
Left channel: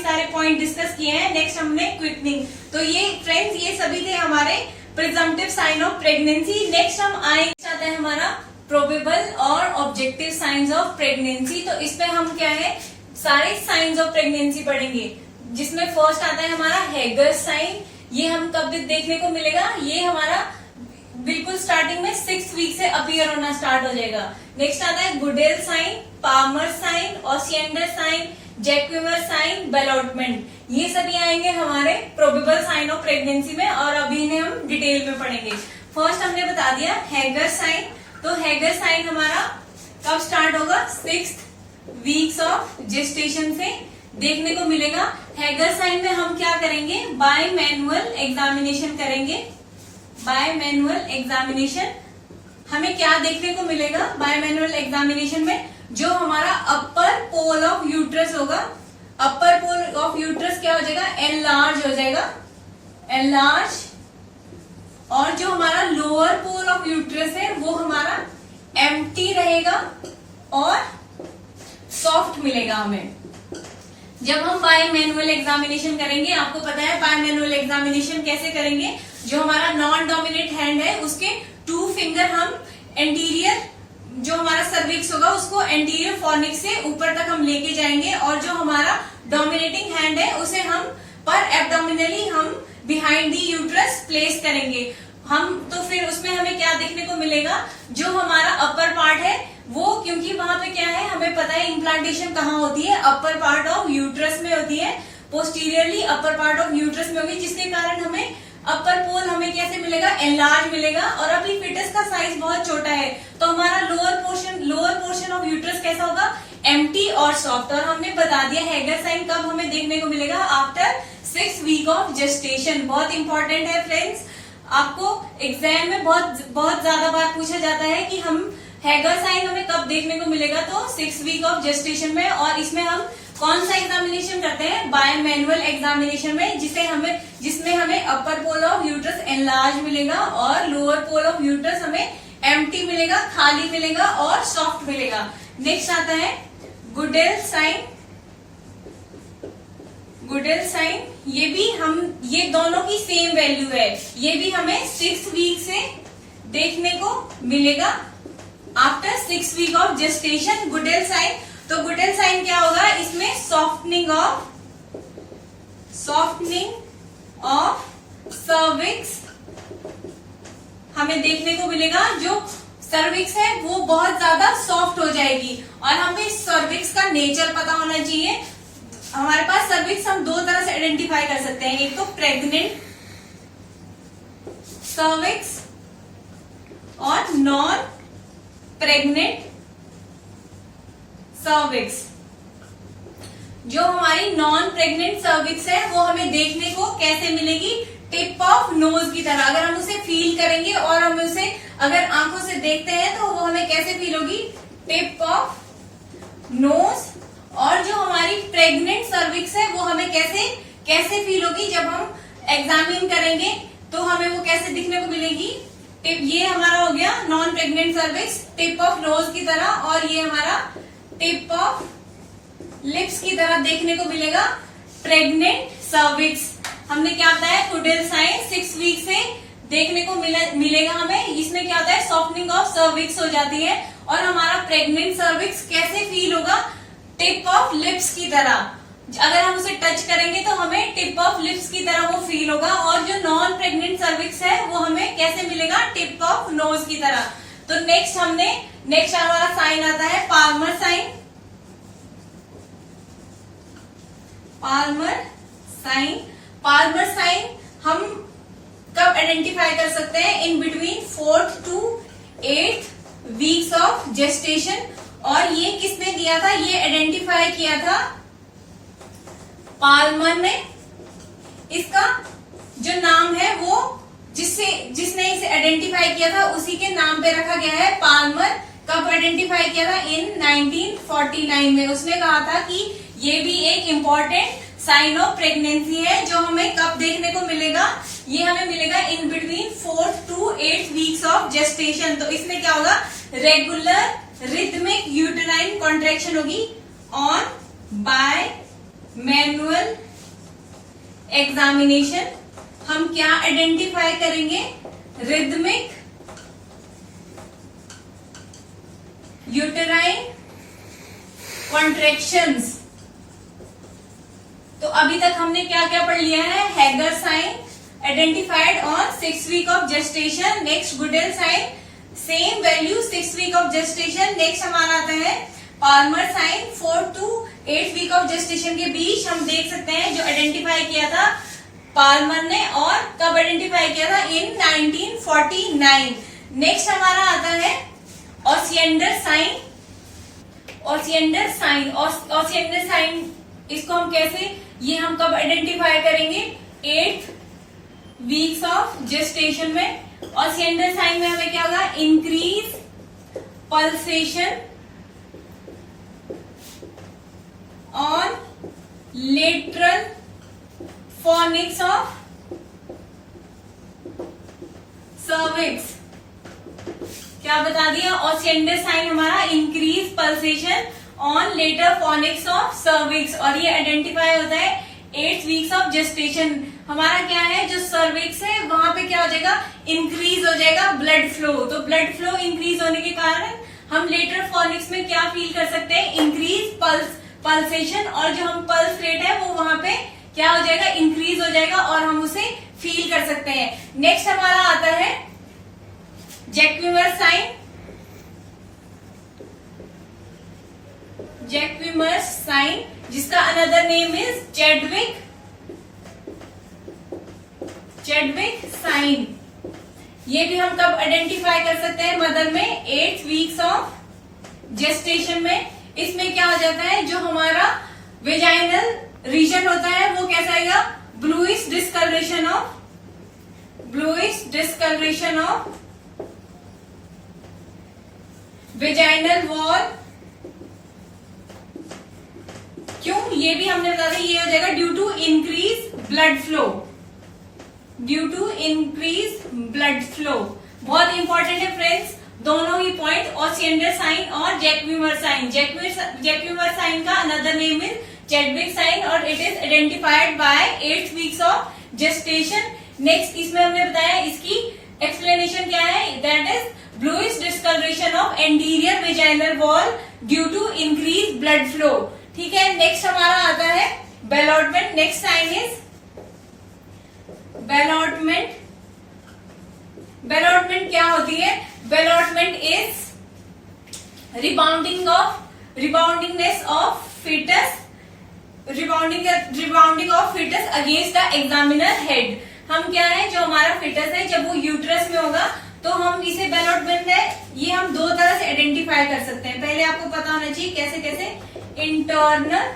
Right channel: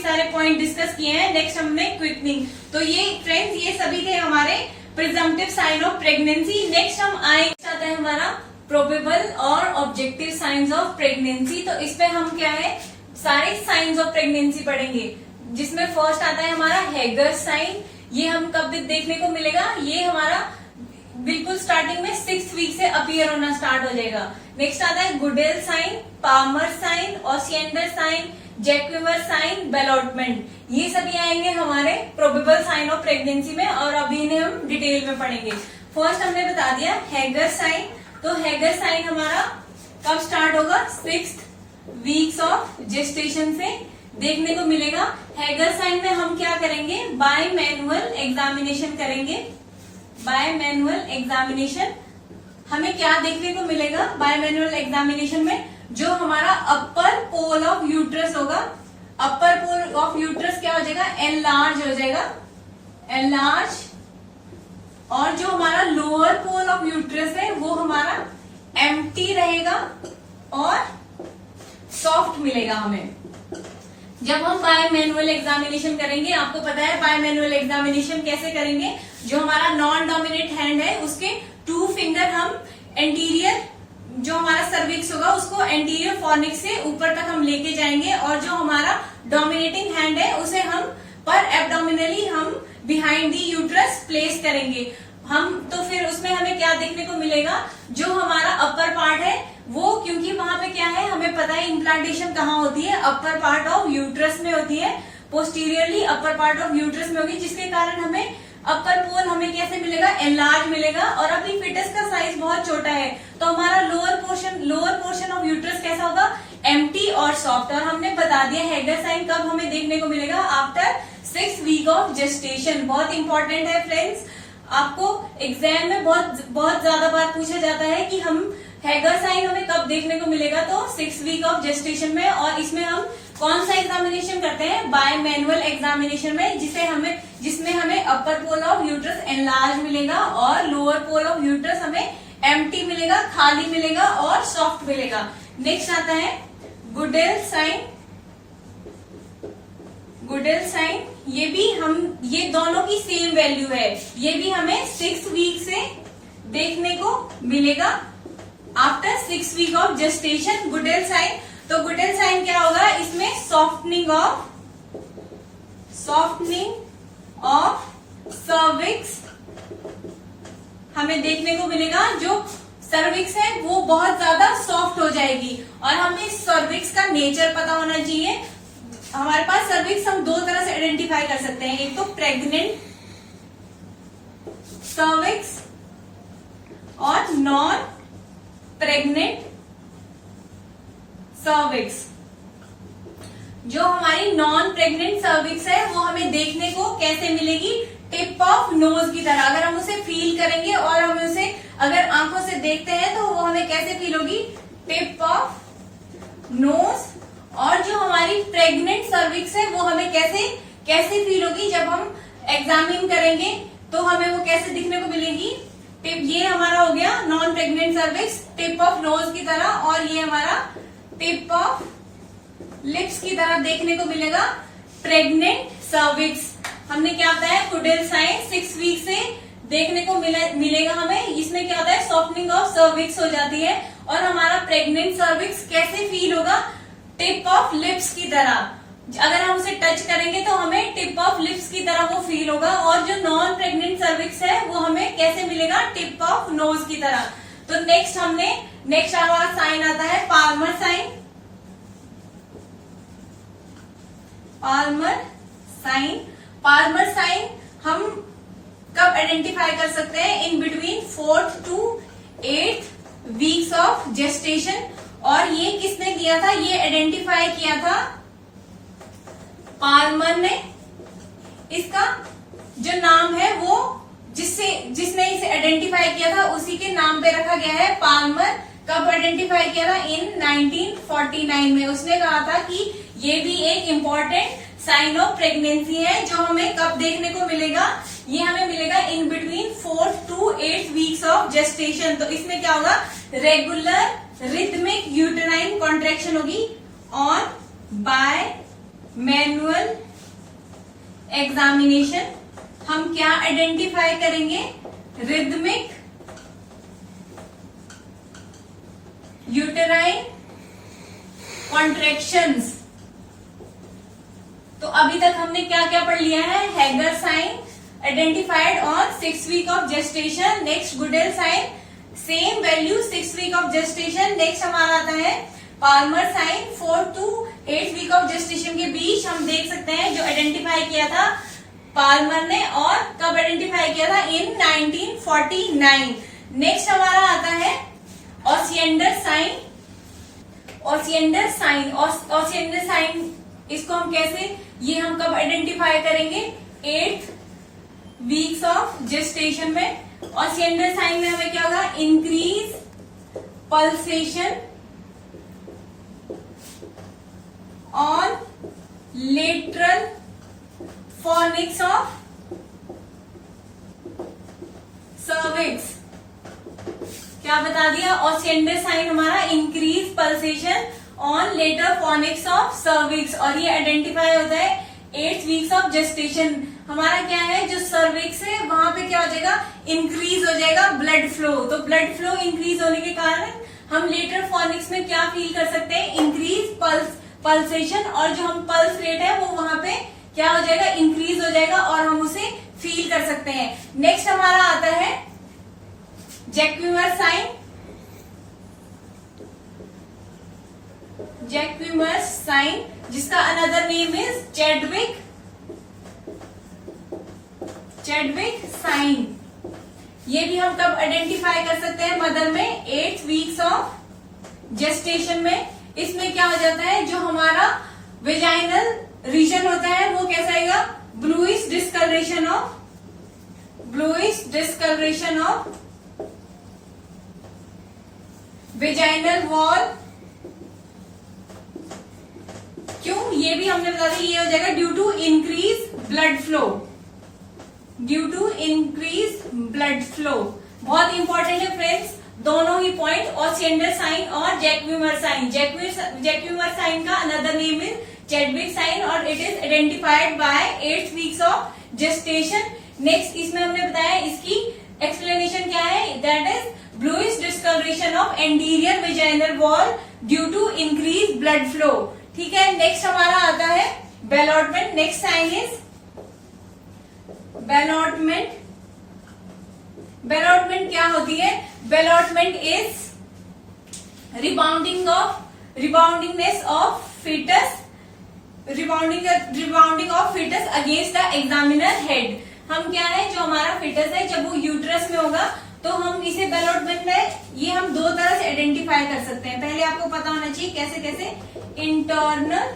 सारे पॉइंट डिस्कस किए हैं, नेक्स्ट हमने क्विकनिंग। तो ये फ्रेंड्स, ये सभी थे हमारे presumptive sign of pregnancy. Next हम आए, आता है हमारा प्रोबेबल और ऑब्जेक्टिव साइंस ऑफ प्रेगनेंसी। तो इसमें हम क्या है, सारे साइंस ऑफ प्रेगनेंसी पढ़ेंगे, जिसमें फर्स्ट आता है हमारा हैगर साइन। ये हम कब देखने को मिलेगा, ये हमारा बिल्कुल स्टार्टिंग में 6th वीक से अपीयर होना स्टार्ट हो जाएगा। नेक्स्ट आता है Goodell sign, Palmer sign, Osiander sign, Jacquemier sign, ballottement. ये सभी आएंगे हमारे प्रोबेबल साइन ऑफ प्रेगनेंसी में, और अभी इन्हें हम डिटेल में पढ़ेंगे। फर्स्ट हमने बता दिया हैगर साइन। तो हैगर साइन हमारा कब स्टार्ट होगा, 6th वीक्स ऑफ जेस्टेशन से देखने को मिलेगा। हैगर साइन में हम क्या करेंगे, बाय मैनुअल एग्जामिनेशन करेंगे। बाय मैनुअल एग्जामिनेशन हमें क्या देखने को मिलेगा, बाय मैनुअल एग्जामिनेशन में जो हमारा अपर पोल ऑफ यूट्रस होगा, अपर पोल ऑफ यूट्रस क्या हो जाएगा, एनलार्ज हो जाएगा, एनलार्ज। और जो हमारा लोअर पोल ऑफ यूट्रस है वो हमारा एम्प्टी रहेगा और सॉफ्ट मिलेगा हमें। जब हम बाय मैनुअल एग्जामिनेशन करेंगे, आपको पता है बाय मैनुअल एग्जामिनेशन कैसे करेंगे, जो हमारा नॉन डोमिनेट हैंड है उसके 2 फिंगर हम एंटीरियर, जो हमारा सर्विक्स होगा उसको एंटीरियर फॉर्निक्स से ऊपर तक हम लेके जाएंगे, और जो हमारा डोमिनेटिंग हैंड है उसे हम पर एब्डोमिनली हम बिहाइंड दी यूट्रस प्लेस करेंगे हम। तो फिर उसमें हमें क्या देखने को मिलेगा, जो हमारा अपर पार्ट है वो, क्योंकि वहां पे क्या है हमें पता है इम्प्लांटेशन कहाँ होती है, अपर पार्ट ऑफ यूट्रस में होती है, posteriorly upper part of uterus में होगी, जिसके कारण हमें अपर पोल हमें कैसे मिलेगा, एनलार्ज मिलेगा। और अभी फिटस का साइज बहुत छोटा है, तो हमारा लोअर पोर्शन ऑफ यूट्रस कैसा होगा, एम्प्टी और सॉफ्ट। और हमने बता दिया हैगर साइन कब हमें देखने को मिलेगा, after 6th week of gestation. बहुत इंपॉर्टेंट है फ्रेंड्स, आपको एग्जाम में बहुत ज्यादा बार पूछा जाता है कि हम हैगर साइन हमें कब देखने को मिलेगा, तो 6th वीक ऑफ जेस्टेशन में। और इसमें हम कौन सा एग्जामिनेशन करते हैं, बाय मैनुअल एग्जामिनेशन में, जिसमें हमें अपर पोल ऑफ यूट्रस एनलार्ज मिलेगा और लोअर पोल ऑफ यूट्रस हमें एम्प्टी मिलेगा, खाली मिलेगा और सॉफ्ट मिलेगा। नेक्स्ट आता है गुडेल साइन। गुडेल साइन, ये दोनों की सेम वैल्यू है, ये भी हमें 6th वीक से देखने को मिलेगा, after 6th week of gestation. Goodell sign, तो गुडेल साइन क्या होगा, इसमें सॉफ्टनिंग ऑफ सर्विक्स हमें देखने को मिलेगा। जो सर्विक्स है वो बहुत ज्यादा सॉफ्ट हो जाएगी, और हमें सर्विक्स का नेचर पता होना चाहिए। हमारे पास सर्विक्स हम 2 तरह से आइडेंटिफाई कर सकते हैं, एक तो प्रेग्नेंट सर्विक्स और नॉन प्रेग्नेंट सर्विक्स। जो हमारी नॉन प्रेग्नेंट सर्विक्स है वो हमें देखने को कैसे मिलेगी, टिप ऑफ नोज की तरह। अगर हम उसे फील करेंगे और हम उसे अगर आंखों से देखते हैं तो वो हमें कैसे फील होगी, टिप ऑफ नोज। और जो हमारी प्रेग्नेंट सर्विक्स है वो हमें कैसे फील होगी, जब हम एग्जामिन करेंगे तो हमें वो कैसे दिखने को मिलेगी, टिप। ये हमारा हो गया non pregnant cervix, tip of nose की तरह, और ये हमारा टिप ऑफ लिप्स की तरह देखने को मिलेगा प्रेग्नेंट सर्विक्स। हमने क्या बताया, गुडेल साइन 6 वीक से देखने को मिलेगा हमें। इसमें क्या होता है, सॉफ्टनिंग ऑफ सर्विक्स हो जाती है, और हमारा प्रेग्नेंट सर्विक्स कैसे फील होगा, टिप ऑफ लिप्स की तरह। अगर हम उसे टच करेंगे तो हमें टिप ऑफ लिप्स की तरह वो फील होगा। और जो नॉन प्रेग्नेंट सर्विक्स है वो हमें कैसे मिलेगा, टिप ऑफ नोज की तरह। तो नेक्स्ट हमारा साइन आता है पाल्मर साइन। पाल्मर साइन हम कब आइडेंटिफाई कर सकते हैं, in between 4th to 8th weeks of gestation. और ये किसने दिया था, ये आइडेंटिफाई किया था पाल्मर ने। इसका जो नाम है वो जिसने इसे आइडेंटिफाई किया था उसी के नाम पे रखा गया है पाल्मर। कब आइडेंटिफाई किया था, इन 1949 में। उसने कहा था कि ये भी एक इम्पोर्टेंट साइन ऑफ प्रेगनेंसी है, जो हमें कब देखने को मिलेगा, ये हमें मिलेगा in between 4th to 8th weeks of gestation. तो इसमें क्या होगा, रेगुलर रिथमिक यूटेराइन कॉन्ट्रैक्शन होगी ऑन बाय मैनुअल एग्जामिनेशन। हम क्या आइडेंटिफाई करेंगे, रिथमिक यूटेराइन कॉन्ट्रैक्शंस। तो अभी तक हमने क्या क्या पढ़ लिया है? Hegar sign identified on 6 week of gestation. Next Goodell sign, same value 6 week of gestation. Next हमारा आता है Palmer sign, 4 to 8 week of gestation के बीच हम देख सकते हैं जो आइडेंटिफाई किया था पाल्मर ने, और कब आइडेंटिफाई किया था? इन 1949। नेक्स्ट हमारा आता है Osiander sign. Osiander sign, Osiander sign इसको हम कैसे, ये हम कब आइडेंटिफाई करेंगे? 8 वीक्स ऑफ जेस्टेशन में। ओसिएंडर साइन में हमें क्या होगा? Increase pulsation on lateral fornix of cervix. क्या बता दिया? ओसिएंडर साइन हमारा increase pulsation on lateral fornix of cervix, और ये आइडेंटिफाई होता है 8 वीक्स ऑफ जेस्टेशन। हमारा क्या है, जो सर्विक्स है वहां पे क्या हो जाएगा? इंक्रीज हो जाएगा ब्लड फ्लो। तो ब्लड फ्लो इंक्रीज होने के कारण हम लेटर फोनिक्स में क्या फील कर सकते हैं? इंक्रीज पल्सेशन, और जो हम पल्स रेट है वो वहां पे क्या हो जाएगा? इंक्रीज हो जाएगा, और हम उसे फील कर सकते हैं। नेक्स्ट हमारा आता है जैक्विमर साइन। जैक्विमर साइन जिसका another name is Chadwick sign. ये भी हम कब आइडेंटिफाई कर सकते हैं? मदर में 8 वीक्स ऑफ जेस्टेशन में। इसमें क्या हो जाता है, जो हमारा वेजाइनल रीजन होता है वो कैसा आएगा? Bluish discoloration of vaginal wall. क्यों? ये भी हमने बता दिया, ये हो जाएगा due to increase blood flow. बहुत इंपॉर्टेंट है फ्रेंड्स दोनों ही पॉइंट, ओसिएंडर साइन और जैक्विमर साइन। जैक्विमर साइन का another name is Chadwick sign, और it is identified by 8 weeks of gestation. Next इसमें हमने बताया इसकी एक्सप्लेनेशन क्या है? That is bluish discoloration of anterior vaginal wall due to increase blood flow. ठीक है। नेक्स्ट हमारा आता है ballottement. Next sign is ballottement. Ballottement क्या होती है? Ballottement is reboundingness of foetus, rebounding of foetus against the examiner head. हम क्या है, जो हमारा फीटस है जब वो यूट्रस में होगा तो हम इसे बेलॉटमेंट में, ये हम दो तरह से आइडेंटिफाई कर सकते हैं। पहले आपको पता होना चाहिए कैसे कैसे, इंटरनल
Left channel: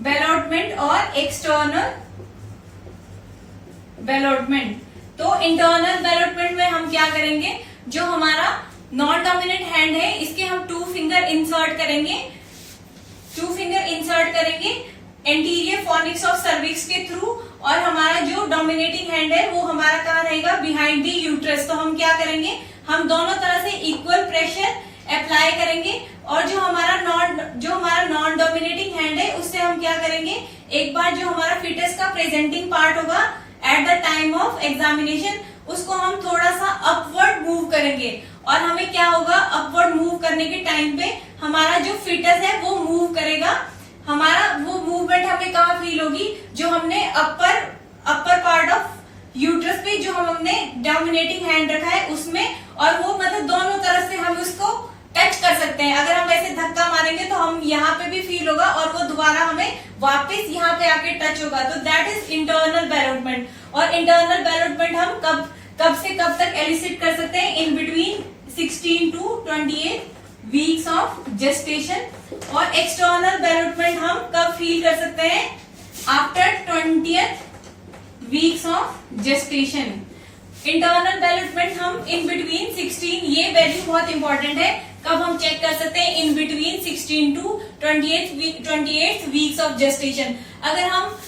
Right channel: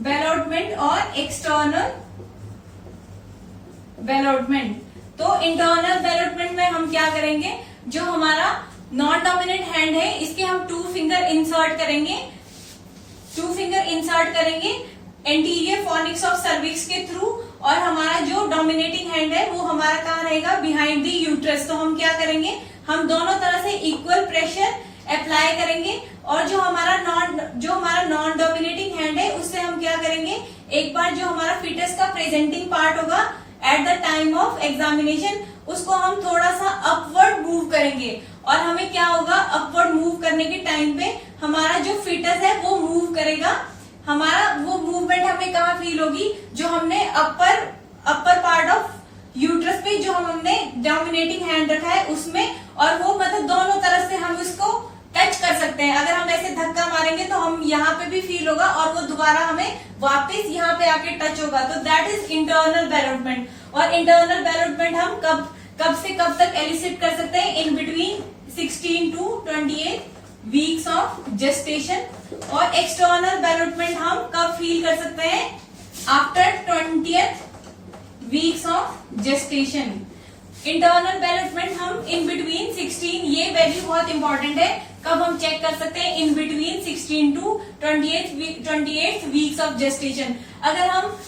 बेलॉटमेंट और एक्सटर्नल बेलॉटमेंट। तो इंटरनल बेलॉटमेंट में हम क्या करेंगे, जो हमारा नॉन डोमिनेंट हैंड है इसके हम 2 फिंगर इंसर्ट करेंगे, 2 फिंगर इंसर्ट करेंगे एंटीरियर फोनिक्स ऑफ सर्विक्स के थ्रू, और हमारा जो डोमिनेटिंग हैंड है वो हमारा कहाँ रहेगा, बिहाइंड द यूट्रस। तो हम क्या करेंगे, हम दोनों तरह से इक्वल प्रेशर अप्लाई करेंगे, और जो हमारा नॉन डोमिनेटिंग हैंड है उससे हम क्या करेंगे, एक बार जो हमारा फीटस का प्रेजेंटिंग पार्ट होगा at the time of examination उसको हम थोड़ा सा अपवर्ड मूव करेंगे, और हमें क्या होगा, अपवर्ड मूव करने के टाइम पे हमारा जो फीटस है वो मूव करेगा। हमारा वो मूवमेंट हमें कहाँ फील होगी, जो हमने अपर पार्ट ऑफ यूट्रस पे जो हमने डोमिनेटिंग हैंड रखा है उसमें, और वो मतलब दोनों तरफ से हम उसको टच कर सकते हैं। अगर हम ऐसे धक्का मारेंगे तो हम यहाँ पे भी फील होगा और वो दोबारा हमें वापस यहाँ पे आके टच होगा। तो दैट इज इंटरनल बेलॉटमेंट। और इंटरनल बेलॉटमेंट हम कब से कब तक एलिसिट कर सकते हैं, in between 16 to 28 weeks of gestation. और एक्सटर्नल बेलॉटमेंट हम कब फील कर सकते हैं, after 20th weeks of gestation. Internal development हम इन बिटवीन 16, ये वैल्यू बहुत इंपॉर्टेंट है, कब हम चेक कर सकते हैं, in between 16 to 28 weeks of gestation. अगर हम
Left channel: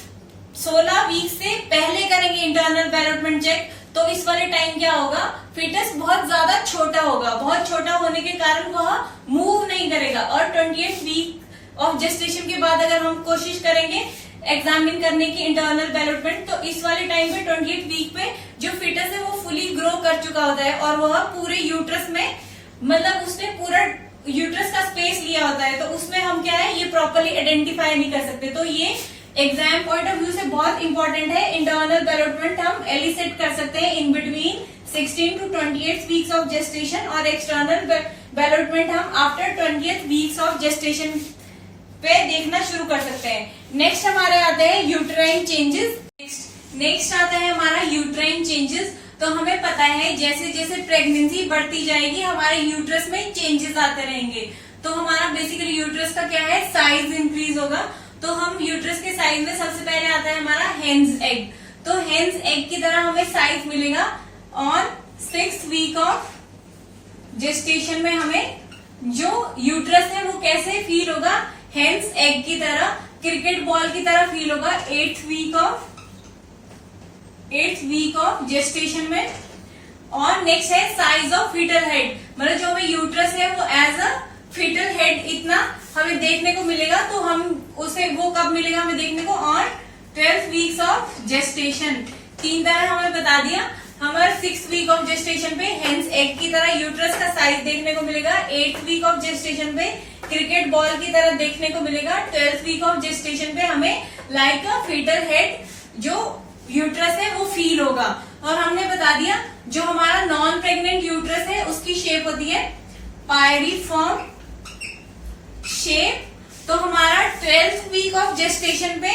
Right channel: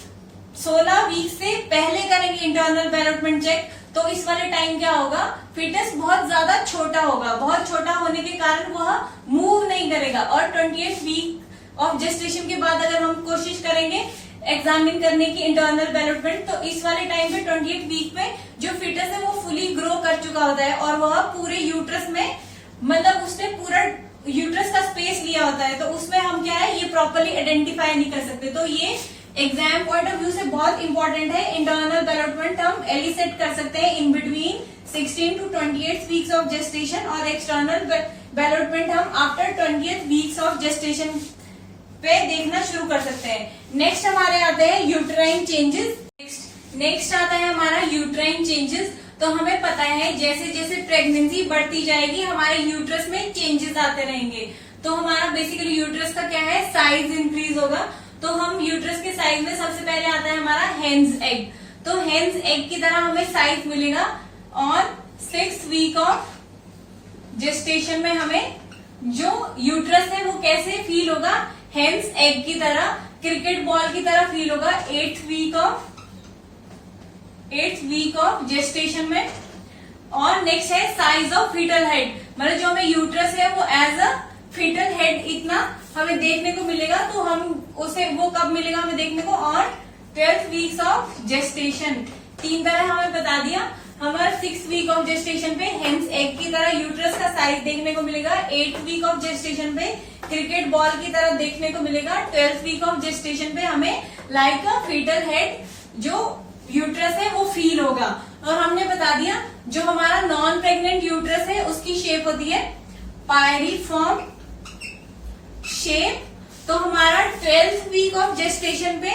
16 वीक से पहले करेंगे इंटरनल डेवलपमेंट चेक, तो इस वाले टाइम क्या होगा, फीटस बहुत ज्यादा छोटा होगा, बहुत छोटा होने के कारण वह मूव नहीं करेगा। और 28 वीक ऑफ जेस्टेशन के बाद अगर हम कोशिश करेंगे एग्जामिन करने की इंटरनल डेवलपमेंट, तो इस वाले टाइम पे 28 वीक पे जो फीटस है वो फुली ग्रो कर चुका होता है, और वह पूरे यूट्रस में, मतलब उसने पूरा यूट्रस का स्पेस लिया होता है, तो उसमें हम क्या है, ये प्रॉपरली आइडेंटिफाई नहीं कर सकते। तो ये एग्जाम पॉइंट ऑफ व्यू से बहुत इंपॉर्टेंट है। इंटरनल बैलोटमेंट हम एलिसिट कर सकते हैं in between 16 to 28 weeks of gestation, और एक्सटर्नल बैलोटमेंट हम after 20th weeks of gestation पे देखना शुरू कर सकते हैं। नेक्स्ट हमारे आते हैं यूट्राइन चेंजेस। नेक्स्ट आता है हमारा यूट्राइन चेंजेस। तो हमें पता है जैसे जैसे प्रेगनेंसी बढ़ती जाएगी हमारे यूट्रस में चेंजेस आते रहेंगे। तो हमारा बेसिकली यूट्रस का क्या है, साइज इंक्रीज होगा। तो हम यूट्रस के साइज में सबसे पहले आता है हमारा हेन्स एग। तो हेन्स एग की तरह हमें साइज मिलेगा, और 6th वीक ऑफ जेस्टेशन में हमें जो यूट्रस है वो कैसे फील होगा, हेन्स एग की तरह, क्रिकेट बॉल की तरह फील होगा 8th वीक ऑफ जेस्टेशन में। और नेक्स्ट है साइज ऑफ फीटल हेड, मतलब जो हमें यूट्रस है वो एज अ फीटल हेड इतना हमें देखने को मिलेगा। तो हम उसे वो कब मिलेगा हमें देखने को, और 12 वीक्स ऑफ जेस्टेशन। 3 तरह हमें बता दिया। हमारे 6th वीक ऑफ जेस्टेशन पे हेन्स एग की तरह यूट्रस का साइज देखने को मिलेगा। 8th वीक ऑफ जेस्टेशन पे क्रिकेट बॉल की तरह देखने को मिलेगा। 12th वीक ऑफ जेस्टेशन पे हमें लाइक अ फीटल हेड जो यूट्रस है वो फील होगा। और हमने बता दिया जो हमारा नॉन प्रेग्नेंट यूट्रस है उसकी शेप होती है पायरीफॉर्म शेप। तो हमारा 12th वीक ऑफ जेस्टेशन पे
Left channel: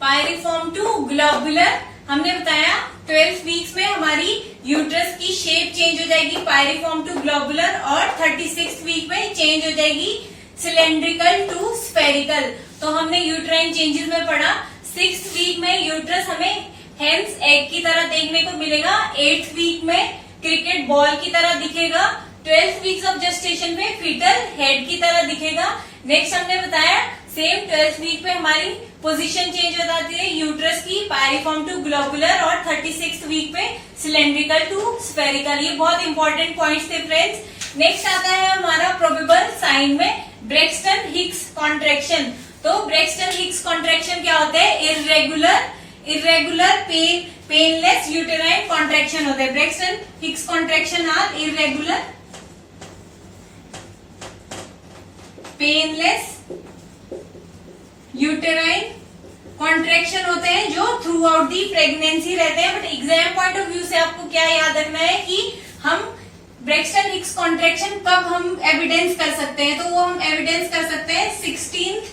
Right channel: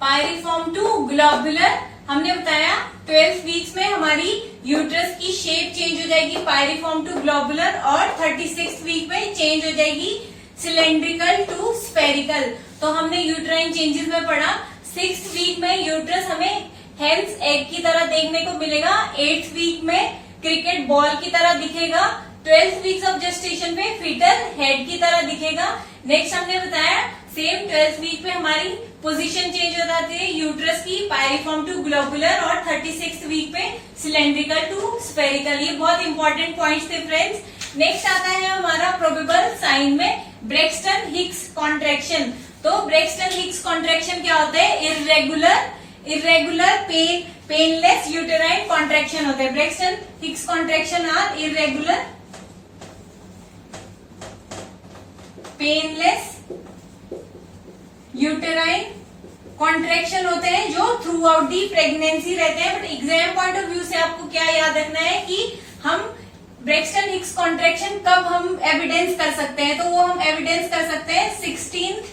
पायरीफॉर्म टू ग्लोबुलर, हमने बताया 12 वीक्स में हमारी यूट्रस की शेप चेंज हो जाएगी पायरीफॉर्म टू ग्लोबुलर, और 36th वीक में चेंज हो जाएगी सिलेंड्रिकल टू स्फेरिकल। तो हमने यूट्राइन चेंजेस में पढ़ा 6th वीक में यूट्रस हमें हेन्स एग की तरह देखने को मिलेगा। 8th वीक में क्रिकेट बॉल की तरह दिखेगा। 12th वीक्स ऑफ जेस्टेशन पे फीटल हेड की तरह दिखेगा। नेक्स्ट हमने बताया सेम 12th वीक पे हमारी पोजीशन चेंज हो जाती है यूट्रस की पायरीफॉर्म टू ग्लोबुलर, और 36th वीक पे सिलेंड्रिकल टू स्फेरिकल। ये बहुत इंपॉर्टेंट पॉइंट्स थे फ्रेंड्स। नेक्स्ट आता है हमारा प्रोबेबल साइन में ब्रेक्सटन हिक्स कॉन्ट्रैक्शन। तो ब्रेक्सटन हिक्स कॉन्ट्रैक्शन क्या होता है, इर्रेगुलर पेनलेस यूटेराइन कॉन्ट्रैक्शन होता है। Braxton Hicks contraction are irregular painless uterine contraction होते हैं जो थ्रू आउट दी प्रेगनेंसी रहते हैं। But exam point of view से आपको क्या याद रखना है कि हम ब्रेक्सटन हिक्स कॉन्ट्रैक्शन कब हम एविडेंस कर सकते हैं, तो वो हम एविडेंस कर सकते हैं 16th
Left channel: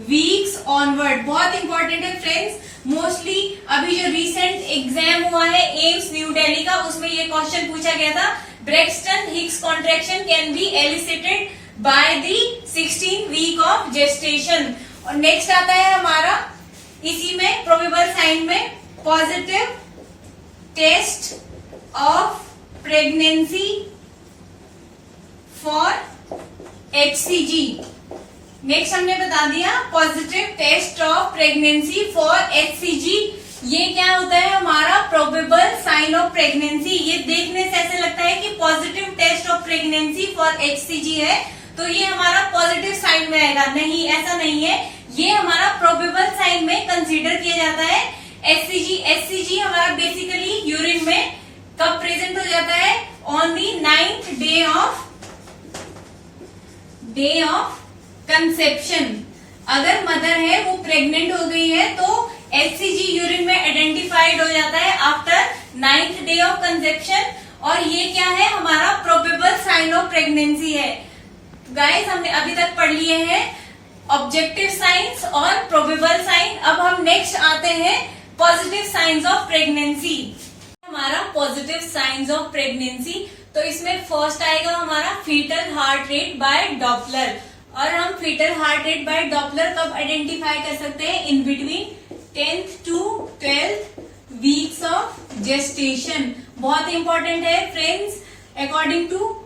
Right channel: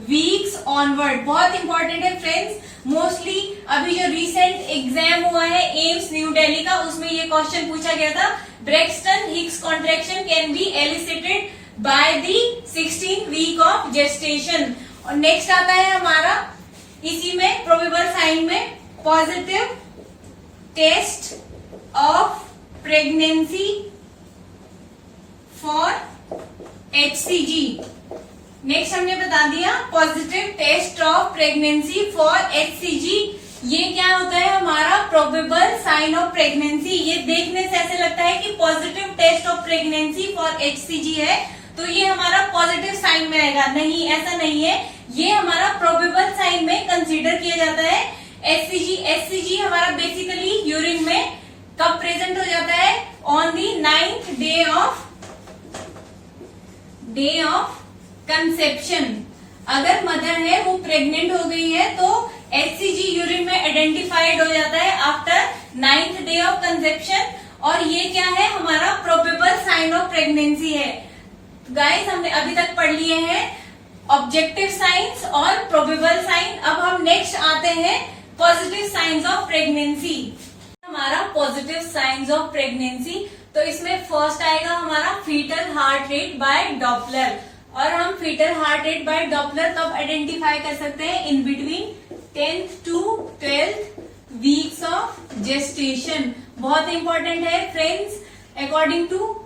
वीक्स ऑनवर्ड। बहुत इंपॉर्टेंट है फ्रेंड्स। मोस्टली अभी जो रिसेंट एग्जाम हुआ है एम्स न्यू दिल्ली का, उसमें ये क्वेश्चन पूछा गया था, Braxton Hicks contraction can be elicited by the 16th week of gestation. और नेक्स्ट आता है हमारा इसी में प्रोबेबल साइन में positive test of pregnancy for HCG। Next हमने बता दिया positive test of pregnancy for HCG। ये क्या होता है हमारा प्रोबेबल साइन ऑफ प्रेगनेंसी। ये देखने से ऐसे लगता है कि positive test of pregnancy for HCG है तो ये हमारा पॉजिटिव साइन में आएगा। नहीं, ऐसा नहीं है, ये हमारा प्रोबेबल साइन में कंसीडर किया जाता है। HCG हमारा बेसिकली यूरिन में कब प्रेजेंट हो जाता है, on the 9th day of conception. अगर मदर है वो प्रेग्नेंट हो गई है तो HCG यूरिन में आइडेंटिफाइड हो जाता है after 9th day of conception. और ये क्या है हमारा प्रोबेबल साइन ऑफ प्रेगनेंसी है। गाइस हमने अभी तक पढ़ लिए हैं ऑब्जेक्टिव साइंस और प्रोबेबल साइन। अब हम नेक्स्ट आते हैं पॉजिटिव साइंस ऑफ प्रेगनेंसी। हमारा पॉजिटिव साइंस ऑफ प्रेगनेंसी, तो इसमें फर्स्ट आएगा हमारा fetal heart rate by Doppler. और हम fetal heart rate by Doppler कब आइडेंटिफाई कर सकते हैं, in between 10th to 12th weeks of gestation. बहुत इंपॉर्टेंट है friends, according to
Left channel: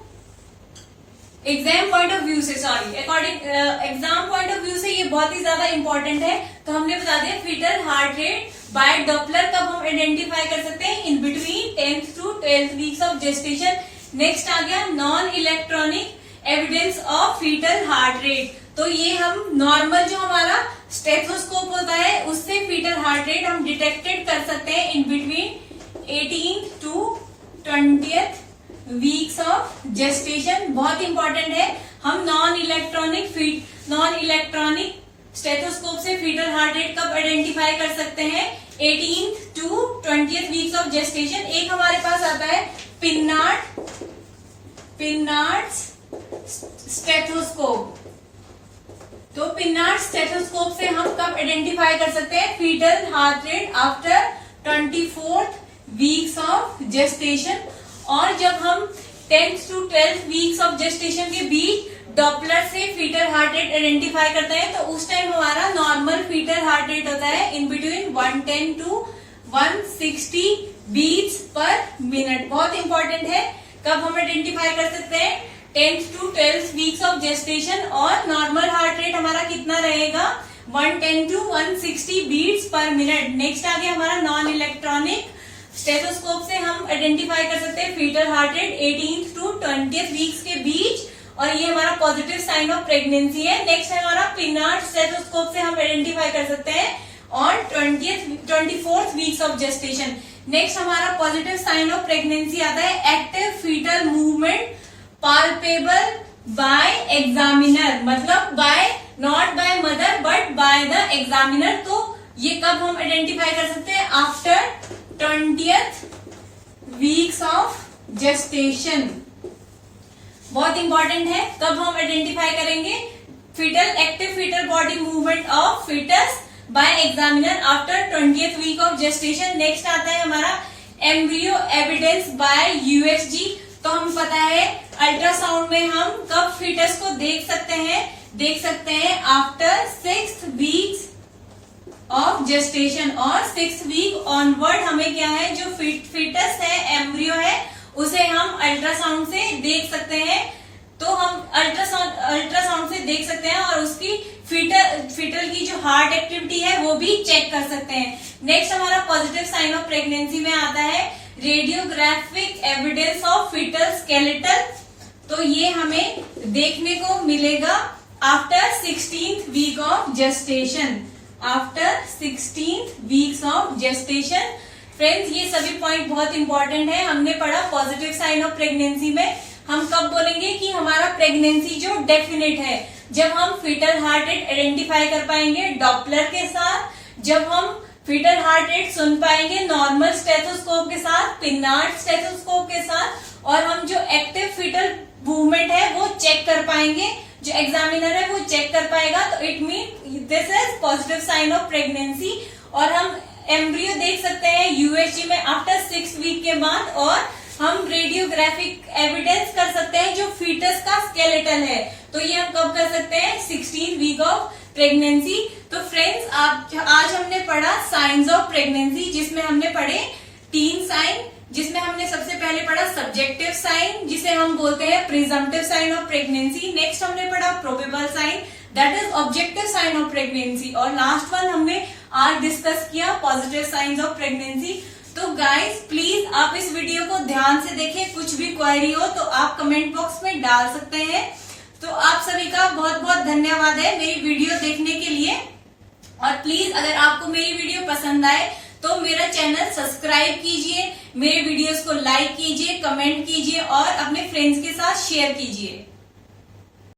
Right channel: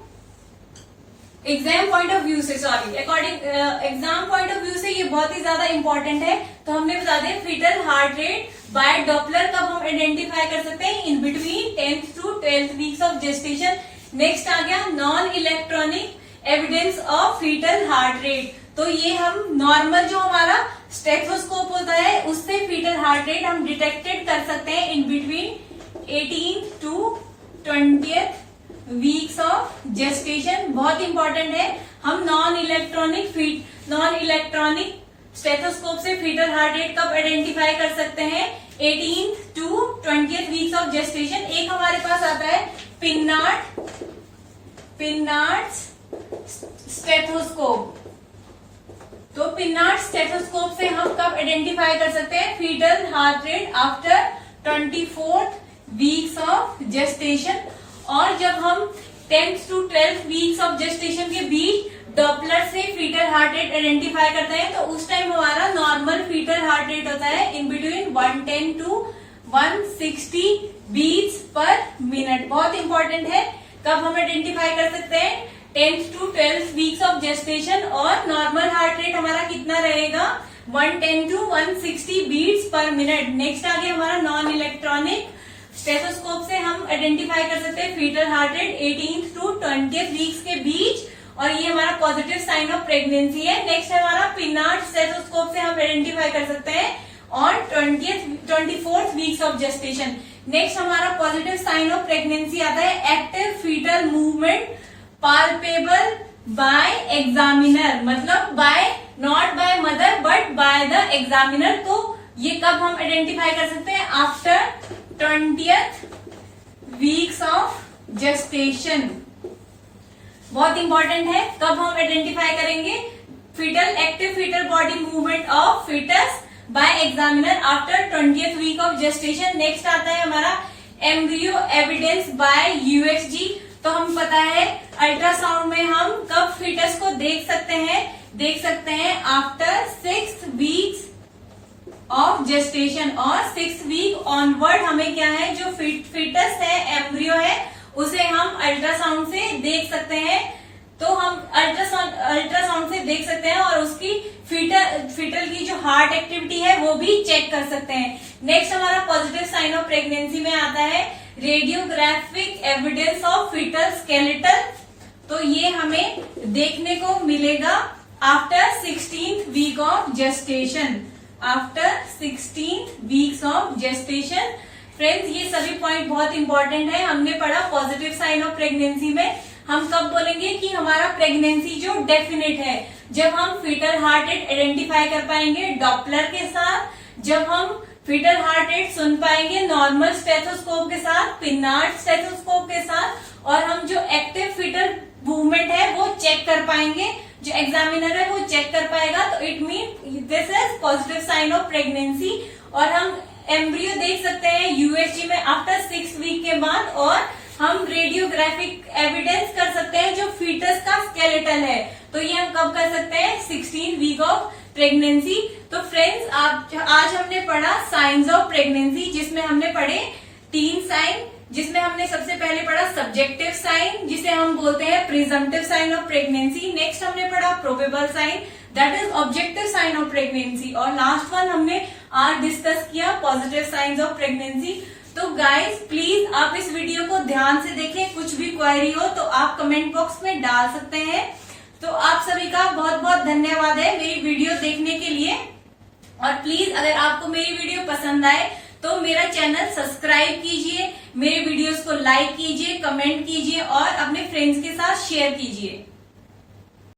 exam point of view से, एग्जाम पॉइंट ऑफ व्यू से ये बहुत ही ज्यादा इंपॉर्टेंट है। तो हमने बता दिया fetal heart rate by Doppler कब हम आइडेंटिफाई कर सकते हैं, in between 10th to 12th weeks of gestation. Next आ गया non electronic evidence of fetal heart rate. तो ये हम नॉर्मल जो हमारा स्टेथोस्कोप होता है उससे फीटल हार्ट रेट हम डिटेक्टेड कर सकते हैं in between 18th to 20th weeks of gestation. बहुत इंपॉर्टेंट है। हम नॉन इलेक्ट्रॉनिक स्टेथोस्कोप से फीटल हार्ट रेट कब आइडेंटिफाई कर सकते हैं? 18th to 20th weeks of gestation. एक हमारे पास आता है पिन्नार्ड स्टेथोस्कोप। तो पिन्नार्ड स्टेथोस्कोप से हम कब आइडेंटिफाई कर सकते हैं fetal heart rate? After 24th weeks of gestation. और जब हम 10th to 12th weeks of gestation के बीच डॉपलर से फीटल हार्ट रेट आइडेंटिफाई करते हैं तो उस टाइम हमारा नॉर्मल फीटल हार्ट रेट होता है in between 110 to 160 beats per minute. बहुत इंपॉर्टेंट है। कब हम आइडेंटिफाई कर सकते हैं? 10th to 12th weeks of gestation. और नॉर्मल हार्ट रेट हमारा कितना रहेगा? 110 to 160 beats per minute. Next आ गया हमारा नॉन इलेक्ट्रॉनिक स्टेथोस्कोप से हम आइडेंटिफाई कर सकते हैं fetal heart rate 18th to 20th weeks के बीच, और ये हमारा पॉजिटिव साइन ऑफ प्रेगनेंसी है। नेक्स्ट है हमारा पिन्नार्ड स्टेथोस्कोप से हम आइडेंटिफाई कर सकते हैं on 24th weeks of gestation. Next हमारा पॉजिटिव साइन ऑफ प्रेगनेंसी आता है active fetal movement palpable by examiner, मतलब not by mother but by the examiner. तो ये कब हम आइडेंटिफाई कर सकते हैं? After 20th weeks of gestation. बहुत इंपॉर्टेंट है। कब हम आइडेंटिफाई करेंगे active fetal body movement of fetus by examiner after 20th week of gestation. Next आता है हमारा एम्ब्रियो एविडेंस बाय यूएसजी। तो हम पता है अल्ट्रासाउंड में हम कब फीटस को देख सकते हैं after 6th weeks of gestation. और 6th वीक ऑनवर्ड हमें क्या है, जो फीटस है, एम्ब्रियो है, उसे हम अल्ट्रासाउंड से देख सकते हैं। तो हम अल्ट्रासाउंड से देख सकते हैं और उसकी फीटल की जो हार्ट एक्टिविटी है वो भी चेक कर सकते हैं। नेक्स्ट हमारा पॉजिटिव साइन ऑफ प्रेगनेंसी में आता है radiographic evidence of fetal skeletal. तो ये हमें देखने को मिलेगा after 16th week of gestation. After 16th weeks of gestation. Friends, ये सभी पॉइंट बहुत इंपॉर्टेंट है। हमने पढ़ा पॉजिटिव साइन ऑफ प्रेगनेंसी में हम कब बोलेंगे कि हमारा प्रेगनेंसी जो डेफिनेट है, जब हम फीटल हार्ट रेट आइडेंटिफाई कर पाएंगे डॉपलर के साथ, जब हम फीटल हार्ट रेट सुन पाएंगे नॉर्मल स्टेथोस्कोप के साथ, पिन्नार्ड स्टेथोस्कोप के साथ, और हम जो एक्टिव फीटल मूवमेंट है वो चेक कर पाएंगे, जो एग्जामिनर है वो चेक कर पाएगा। तो it mean this is positive sign of pregnancy. और हम एम्ब्रियो देख सकते हैं यूएसजी में आफ्टर 6 वीक के बाद, और हम रेडियोग्राफिक एविडेंस कर सकते हैं जो फीटस का स्केलेटल है। तो ये हम कब कर सकते हैं? 16th week of pregnancy. तो फ्रेंड्स, आज हमने पढ़ा साइंस ऑफ प्रेगनेंसी, जिसमें हमने पढ़े 3 साइन, जिसमें हमने सबसे पहले पढ़ा सब्जेक्टिव साइन, जिसे हम बोलते हैं presumptive sign of pregnancy. Next हमने पढ़ा probable sign, that is objective sign of pregnancy. और लास्ट वन हमने आज डिस्कस किया पॉजिटिव साइंस ऑफ प्रेगनेंसी। तो गाइज, प्लीज आप इस वीडियो को ध्यान से देखें। कुछ भी क्वेरी हो तो आप कमेंट बॉक्स में डाल सकते हैं। तो आप सभी का बहुत बहुत धन्यवाद है मेरी वीडियो देखने के लिए। और प्लीज अगर आपको मेरी वीडियो पसंद आए तो मेरा चैनल सब्सक्राइब कीजिए, मेरे वीडियोस को लाइक कीजिए, कमेंट कीजिए और अपने फ्रेंड्स के साथ शेयर कीजिए।